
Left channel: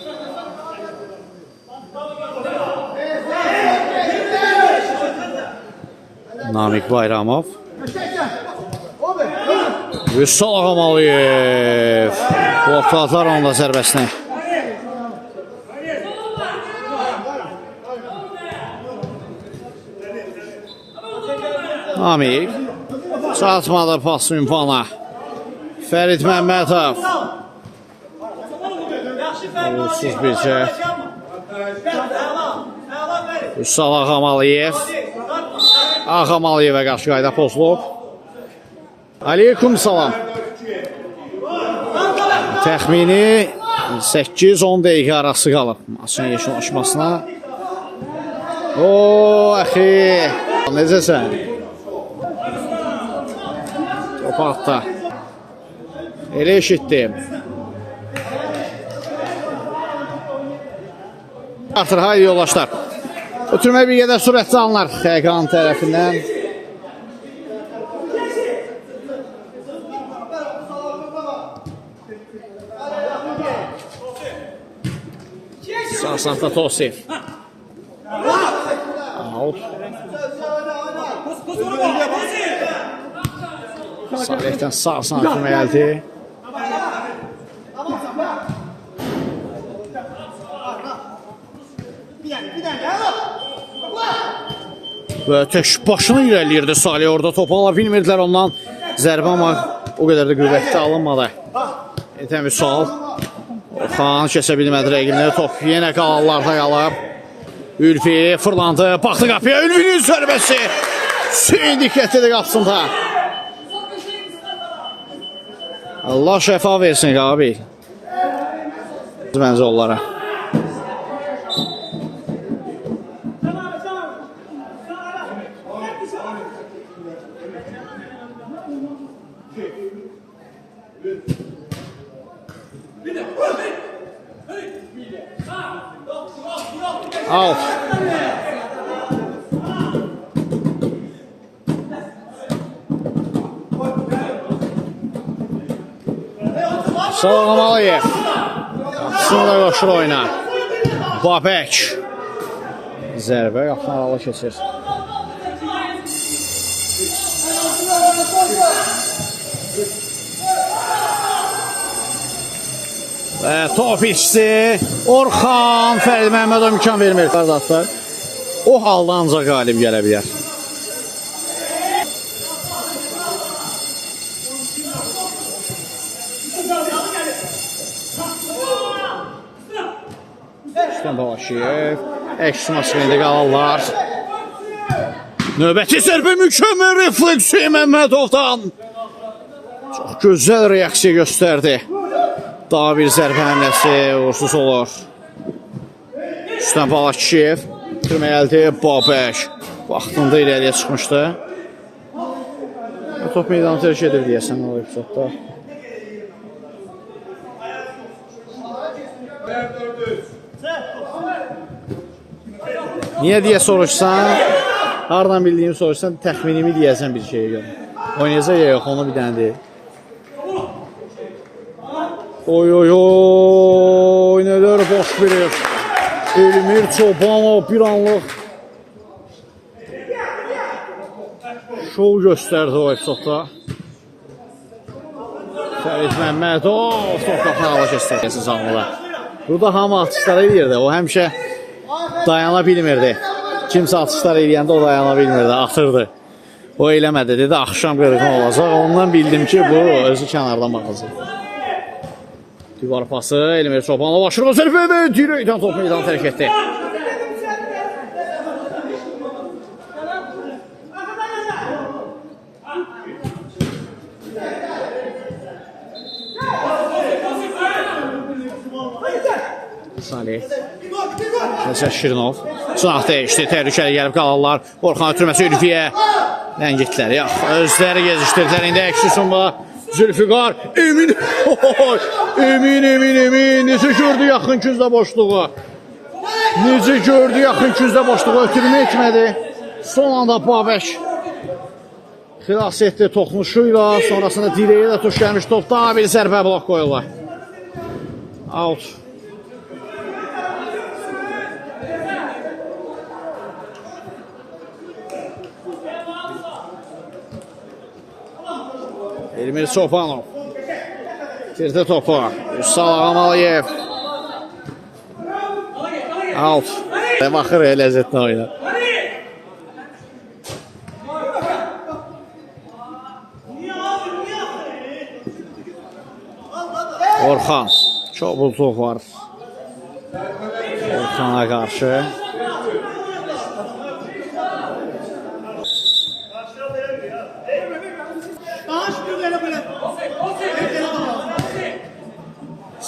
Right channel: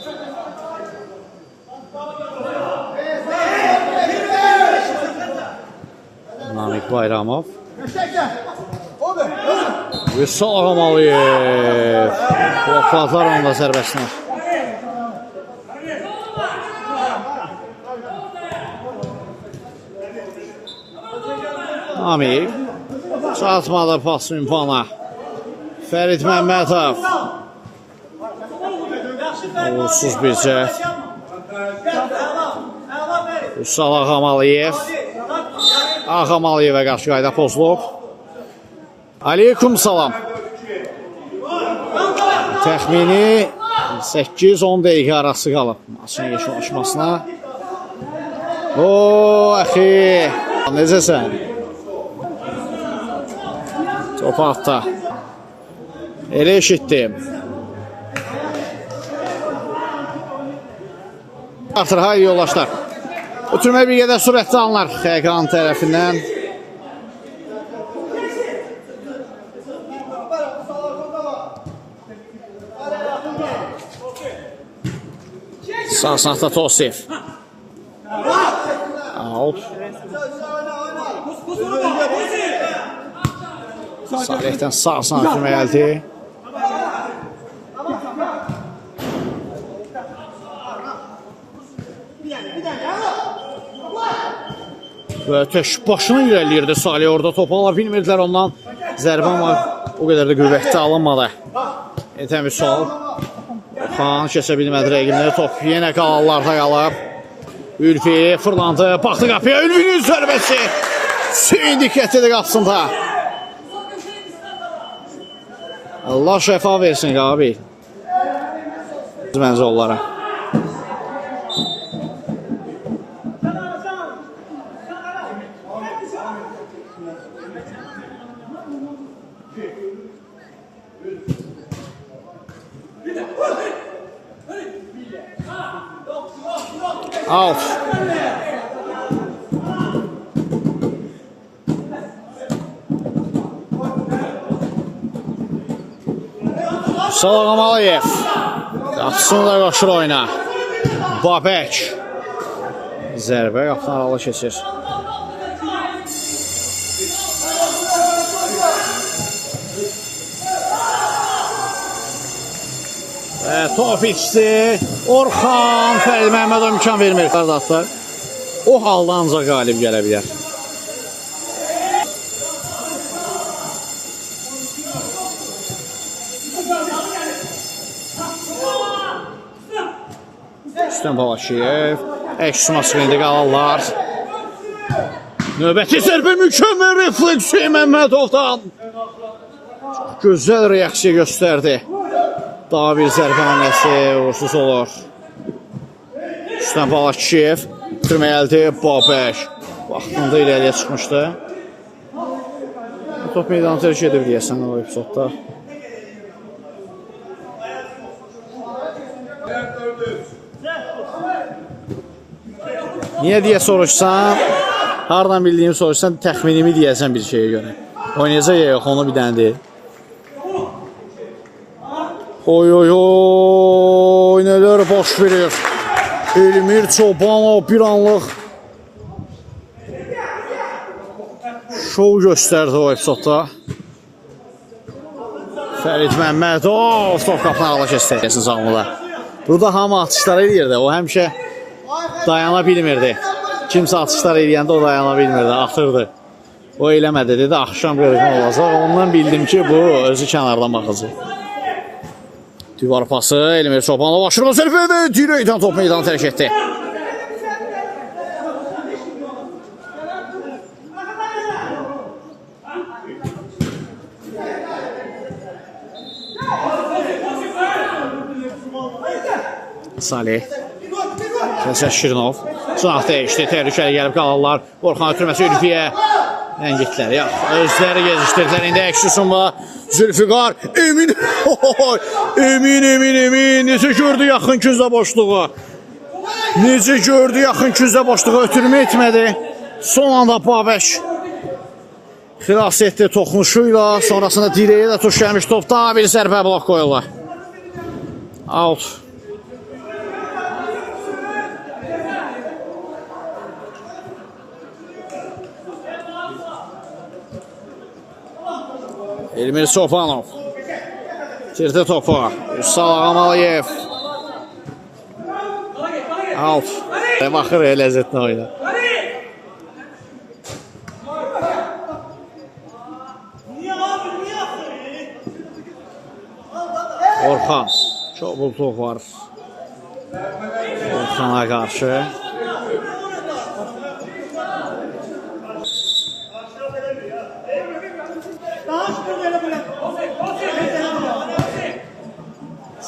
Namik Bayramov. Vüsal Ağamalıyev. Blokladılar onda zərbəsinə. Namik. Çatmadı pas ünvana. Fərid Məmmədov. Uğursuz bir cəhd. Vüsal Ağamalıyev. Ağamalıyevə qarşı qayda pozulub. Aleyküm salam. Təxmini 8-10 dəqiqə arası qalıb maçın yekunlaşmasına. Ooo, əxi. Necəsən? Top altda. Elə eşitdim. Artır, hayır yoldaşlar. Ötürmə bir qədər sürətli anlar Xəqan tərəfindən. Sağ saxta Tosif. Out. Salihdən sağ ötürmə gəldi. Və tək başını irəliyirdi Salih, orada topu ala bilmirdilər ondan. Zərbə amma o qədər də qüvvətli alınmadı. Etən bir sol. Orxan kəsə bilmədi rəqibləri, top yenə qalallarda qalıb. Ülfi fırlandı, baxdı qapıya, Ülfinin zərbəsi. Hüseyin diqqətlidir qapısında. Allah şəfa versin abi. Məncə onlara. Out. Ağamalıyev. Qapısını da qoşur oyuna. Babək. Zərbə qapını aralı keçir. Top içdi. Orxan Fərid Məmmədov imkan vermir. Qardaşlar, o halda ancaq qalib gələ bilər. Rüstəm Balaşiyev. Əks maçında qalarlar. Növbəti zərbə mükəmməl refleks Məmmədovdan. Çox gözəl reaksiya göstərdi. Daha bir zərbə hamləsi uğursuz olur. Rüstəm Balaşiyev ötürmə gəldi. Babək vaxtında irəliyə çıxmışdı. Top meydanı tərk edib deyəsən o epizodda. Niyə deyə soruşsan, hardan bildiyimi soruşsan, təxminimi deyəsən bir şeyə görə. Oynayacaq ya yox, onu bir dənə deyil. Oy oy oy, nələr baş verir. Elmir Çobanov bir anlıq şov göstərdi o epizodda. Fərid Məmmədov top qapağına keçdi canlıda. Burada hamı atışlar edirdi. O həmişə dayana bilmirdi. Kimsə atışlar eləyəndə o dayana bilmirdi, atırdı. O eləmədi, dedi axşam görəcəm olacaq. Ondan bildim ki, bu özü kənardan baxacaq. Divar pası, Elmir Çobanov aşırı zərbədə dirəkdən top meydanı tərk etdi. Salih Vəsət Şirinov Sınaq dəyişdi, təhlükəli gəlib qalarlar. Orxan ötürməsi Ülfiyə Ləngitlər, özləri gezişdirdilər. İndi əksüsünlə Zülfüqar Emin necə gördü yaxın küzdə boşluğu. Necə gördü yaxın küzdə boşluğu, ötürmə etmədi. Son anda Babək xilas etdi toxunuşuyla. Sonrasında direyə də tuş gəlmiş topda bir zərbə blok qoyurlar. Out. Elmir Çobanov girdi topu. Üsal Ağamalıyev. Out. Baxır ləzzətli oyuna. Orxan. Çok bultuq var. Orxana qarşı.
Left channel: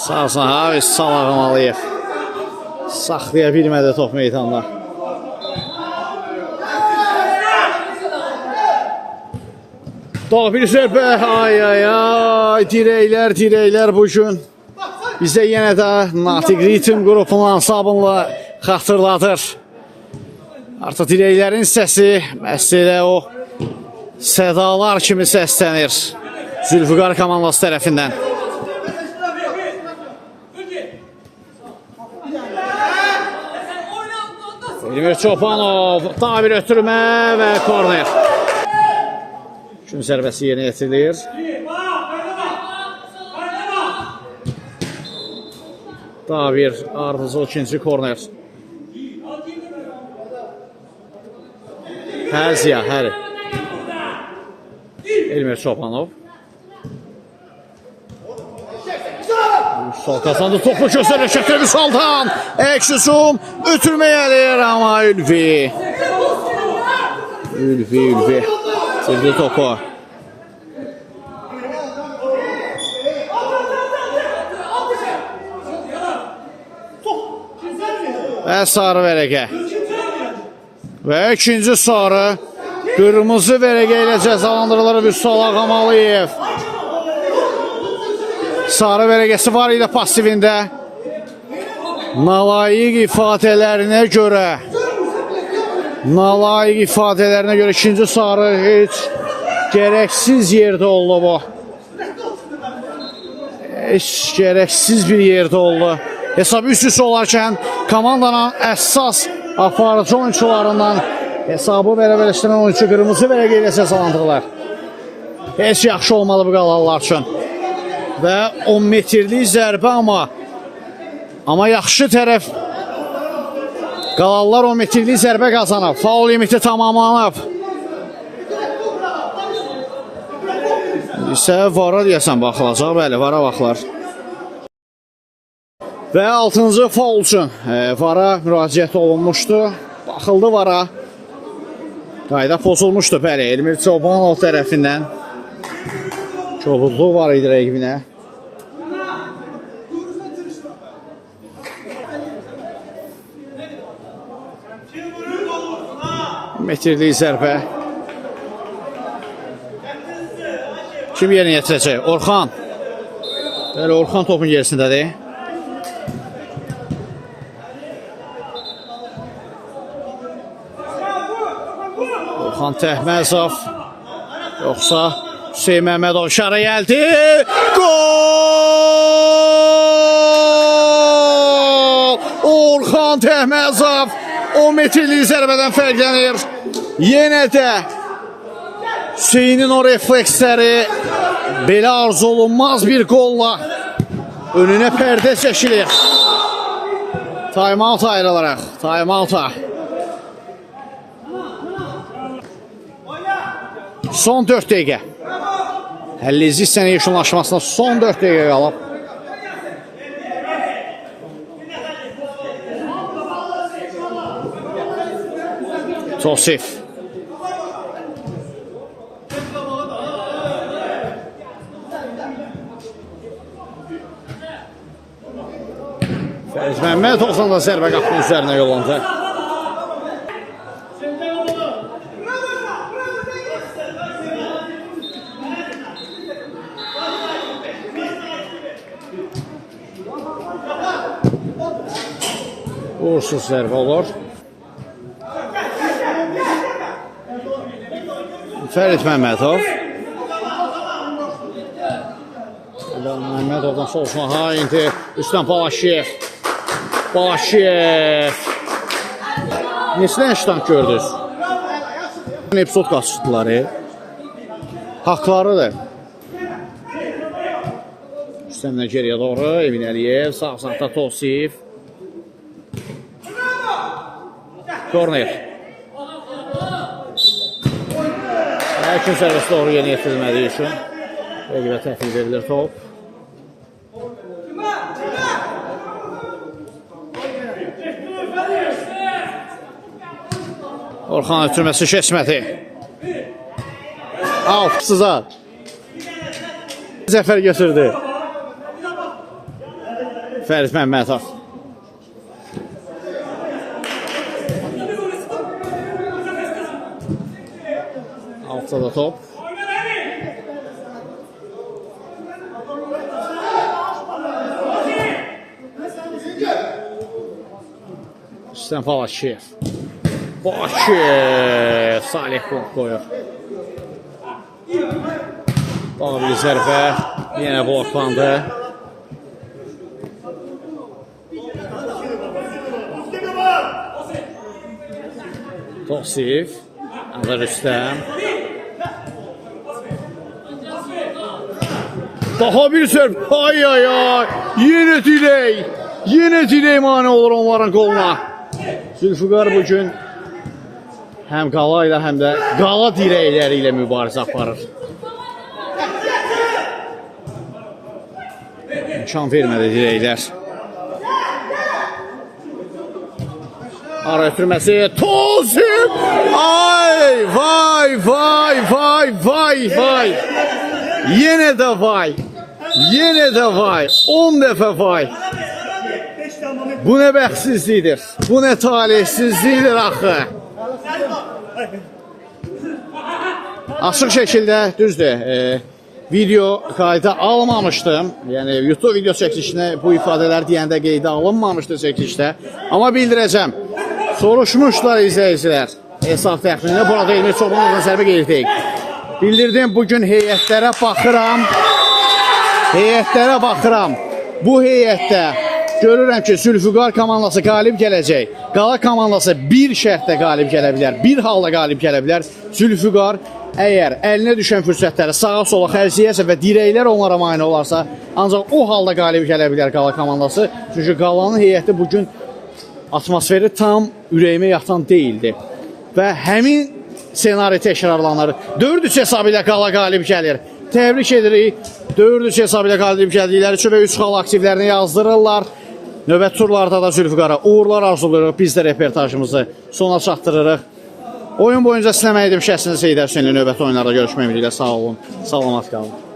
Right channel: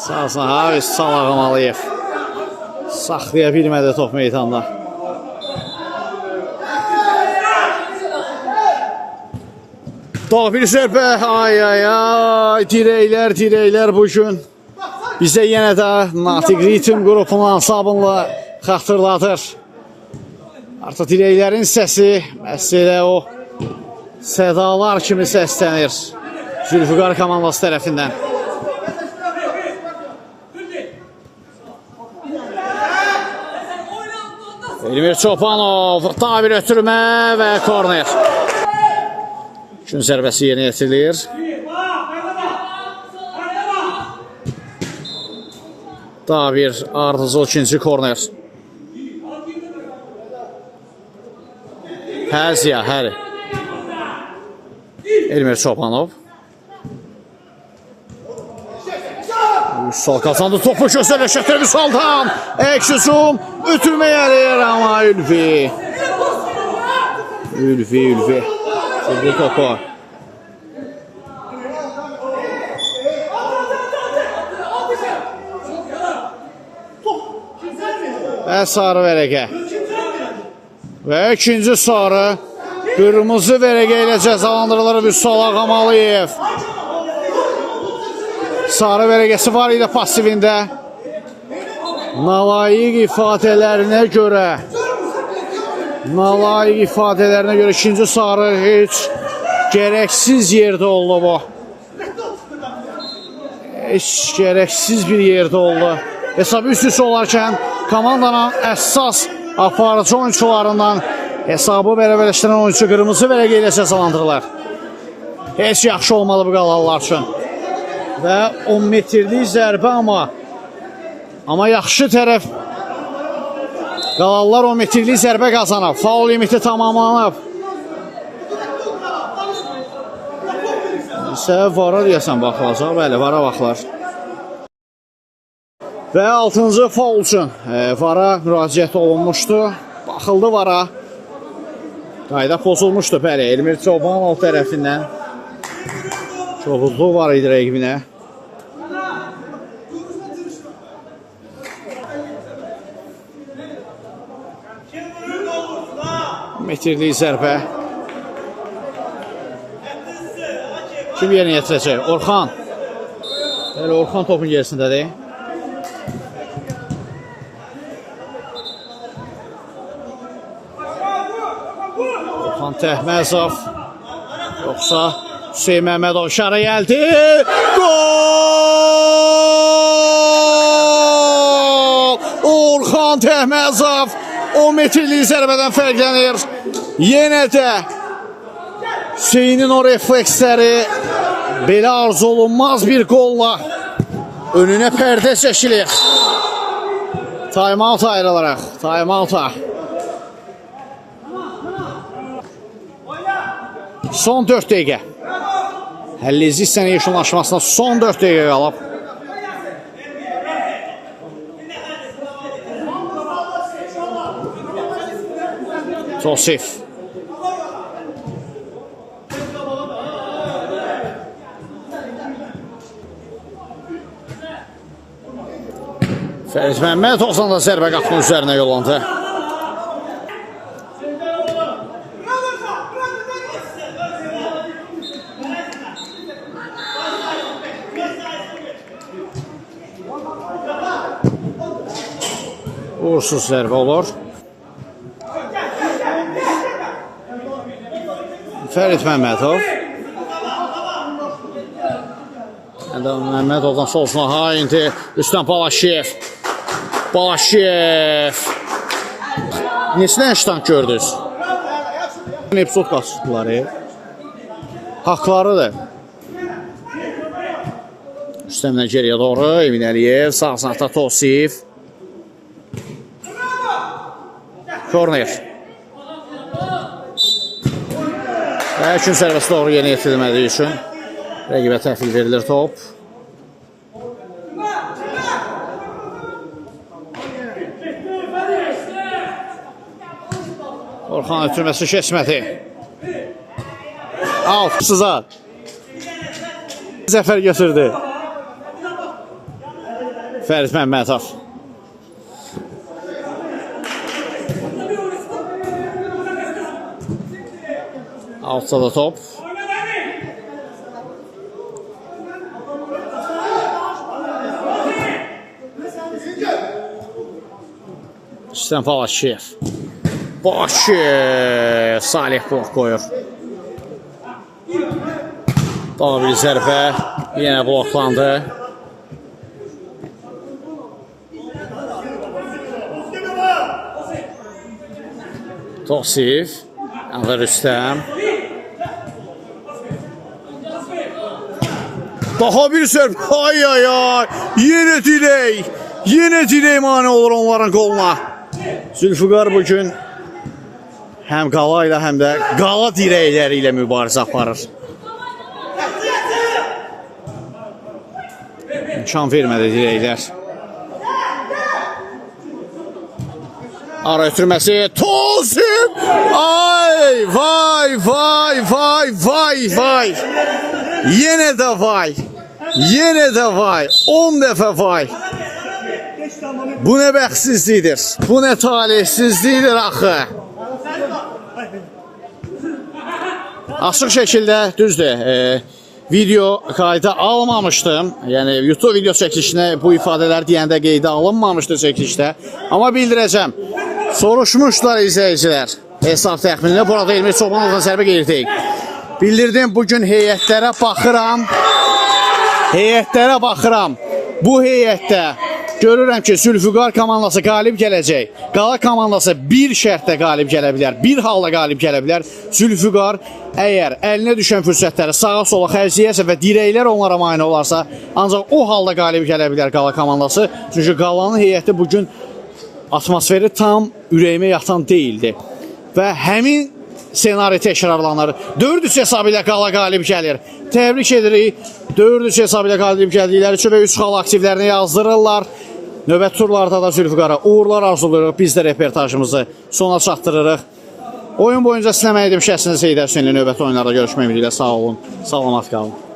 Sağsan Haris Salağamalıyev saxlaya bilmədi top meydanda. Daha bir zərbə, dirəklər bugün bizə yenə də Natiq Ritim qrupunun ansabınla xatırladır. Artıq dirəklərin səsi məsələ o sədalar kimi səslənir Zülfüqar komandası tərəfindən. Elmir Çobanov daha bir ötürmə və korner. Gün zərbəsi yerinə yetirilir. Daha bir ardıcıl ikinci korner. Həziya, həri. Elmir Çobanov. Sol kazandı topu gözlerine şəkər Vüsaldan. Əksüsum ötürməyə eləyir amma Ülfi. Sildi topu. Və sarı vərəqə. Və ikinci sarı. Qırmızı vərəqə ilə cəzalandırılır Vüsal Ağamalıyev. Sarı vərəqəsi var idi pasivində. Nalayiq ifadələrinə görə ikinci sarı heç gərəksiz yerdə oldu bu. Heç gərəksiz bir yerdə oldu. Hesab üst-üstə olarkən komandanın əsas aparıcı oyuncularından hesabı bərabərləşdirən oyuncu qırmızı vərəqə ilə cəzalandırırlar. Heç yaxşı olmalı bu qalanlar üçün. Və 10 metrlik zərbə amma yaxşı tərəf qalanlar 10 metrlik zərbə qazanıb. Faul limiti tamamlanıb. İsə vara deyəsən baxılacaq. Bəli, vara baxılar. Və 6-cı faul üçün vara müraciət olunmuşdu. Baxıldı vara. Qayda pozulmuşdu. Bəli, Elmir Çobanov tərəfindən. Çoluzluq var idi rəqibinə. Metrlik zərbə. Kim yerinə yetirəcək? Orxan. Bəli, Orxan topun gerisindədir. Orxan Təhməzov. Yoxsa Hüseyin Məmmədov şara gəldi. Gol! Orxan Təhməzov 10 metrlik zərbədən fərqlənir. Yenə də Hüseyinin o refleksləri Belə arzu olunmaz bir qolla önünə pərdə çəkilir. Time-out ayrılaraq. Time-out'a. Son 4 dəqiqə. Həllizi sənə yeşunlaşmasına son 4 dəqiqə qalıb. Tosif. Fəriz Məmmədovdan da zərbə qapının üzərinə yollandı. Uğursuz zərbə olur. Fəriz Məmmədov. Məmmədovdan solsuna indi Rüstəm Balaşiyev. Balaşiyev. Nesinə işdən gördünüz? Epizod qaçışdıları. Haqlarıdır. Rüstəmdən geriyə doğru Emin Əliyev. Sağ sağda Tosif. Korner. Üçün sərbəst doğru yeni yetirilmədiyi üçün rəqibə təhvil verilir top. Orxan ötürməsi keçmədi. Out. Sızar. Zəfər götürdü. Fəriz Məmmədov. Altsa da top. Rüstəm Balaşiyev. Balaşiyev. Salih blok qoyur. Daha bir zərbə. Yenə bloklandı. Tosif. Rüstəm. Daha bir zərbə. Ay ay ay. Yenə dirək. Yenə dirək mane olur onların qoluna. Zülfüqar bugün həm qala ilə həm də qala dirəkləri ilə mübarizə aparır. İmkan vermədi dirəklər. Ara ötürməsi. Tosif. Ay vay vay vay vay vay. Yenə də vay. Yenə də vay. 10 dəfə vay. Bu nə bəxtsizlikdir. Bu nə talihsizlikdir axı. Açıq şəkildə düzdür. Video qayda almamışdım. Yəni YouTube video çəkilişinə bu ifadələr deyəndə qeydə alınmamışdı çəkilişdə. Amma bildirəcəm. Soruşmuşlar izləyicilər. Hesab təxminində burada elmi çoxunuzun zərbə qeyirdik. Bildirdim bugün heyətlərə baxıram. Heyətlərə baxıram. Bu heyətdə görürəm ki, Zülfüqar komandası qalib gələcək. Qala komandası bir şərtdə qalib gələ bilər. Bir halda qalib gələ bilər. Zülfüqar əgər əlinə düşən fürsətləri sağa sola xərcləyərsə və dirəklər onlara mane olarsa, ancaq o halda qalib gələ bilər Qala komandası. Çünki Qalanın heyəti bugün atmosferi tam ürəyimə yatan deyildi. Və həmin senari təkrarlanır. 4-3 hesabı ilə Qala qalib gəlir. Təbrik edirik. 4-3 hesabı ilə qalib gəldikləri üçün 3 xal aktivlərini yazdırırlar. Növbət turlarda da Zülfüqara uğurlar arzuluyoruz. Biz də reportajımızı sona çatdırırıq. Oyun boyunca sizə mənim şəxsiniz Heydər Hüseynli növbəti oyunlarda görüşmək ümidi ilə sağ olun. Salamat qalın.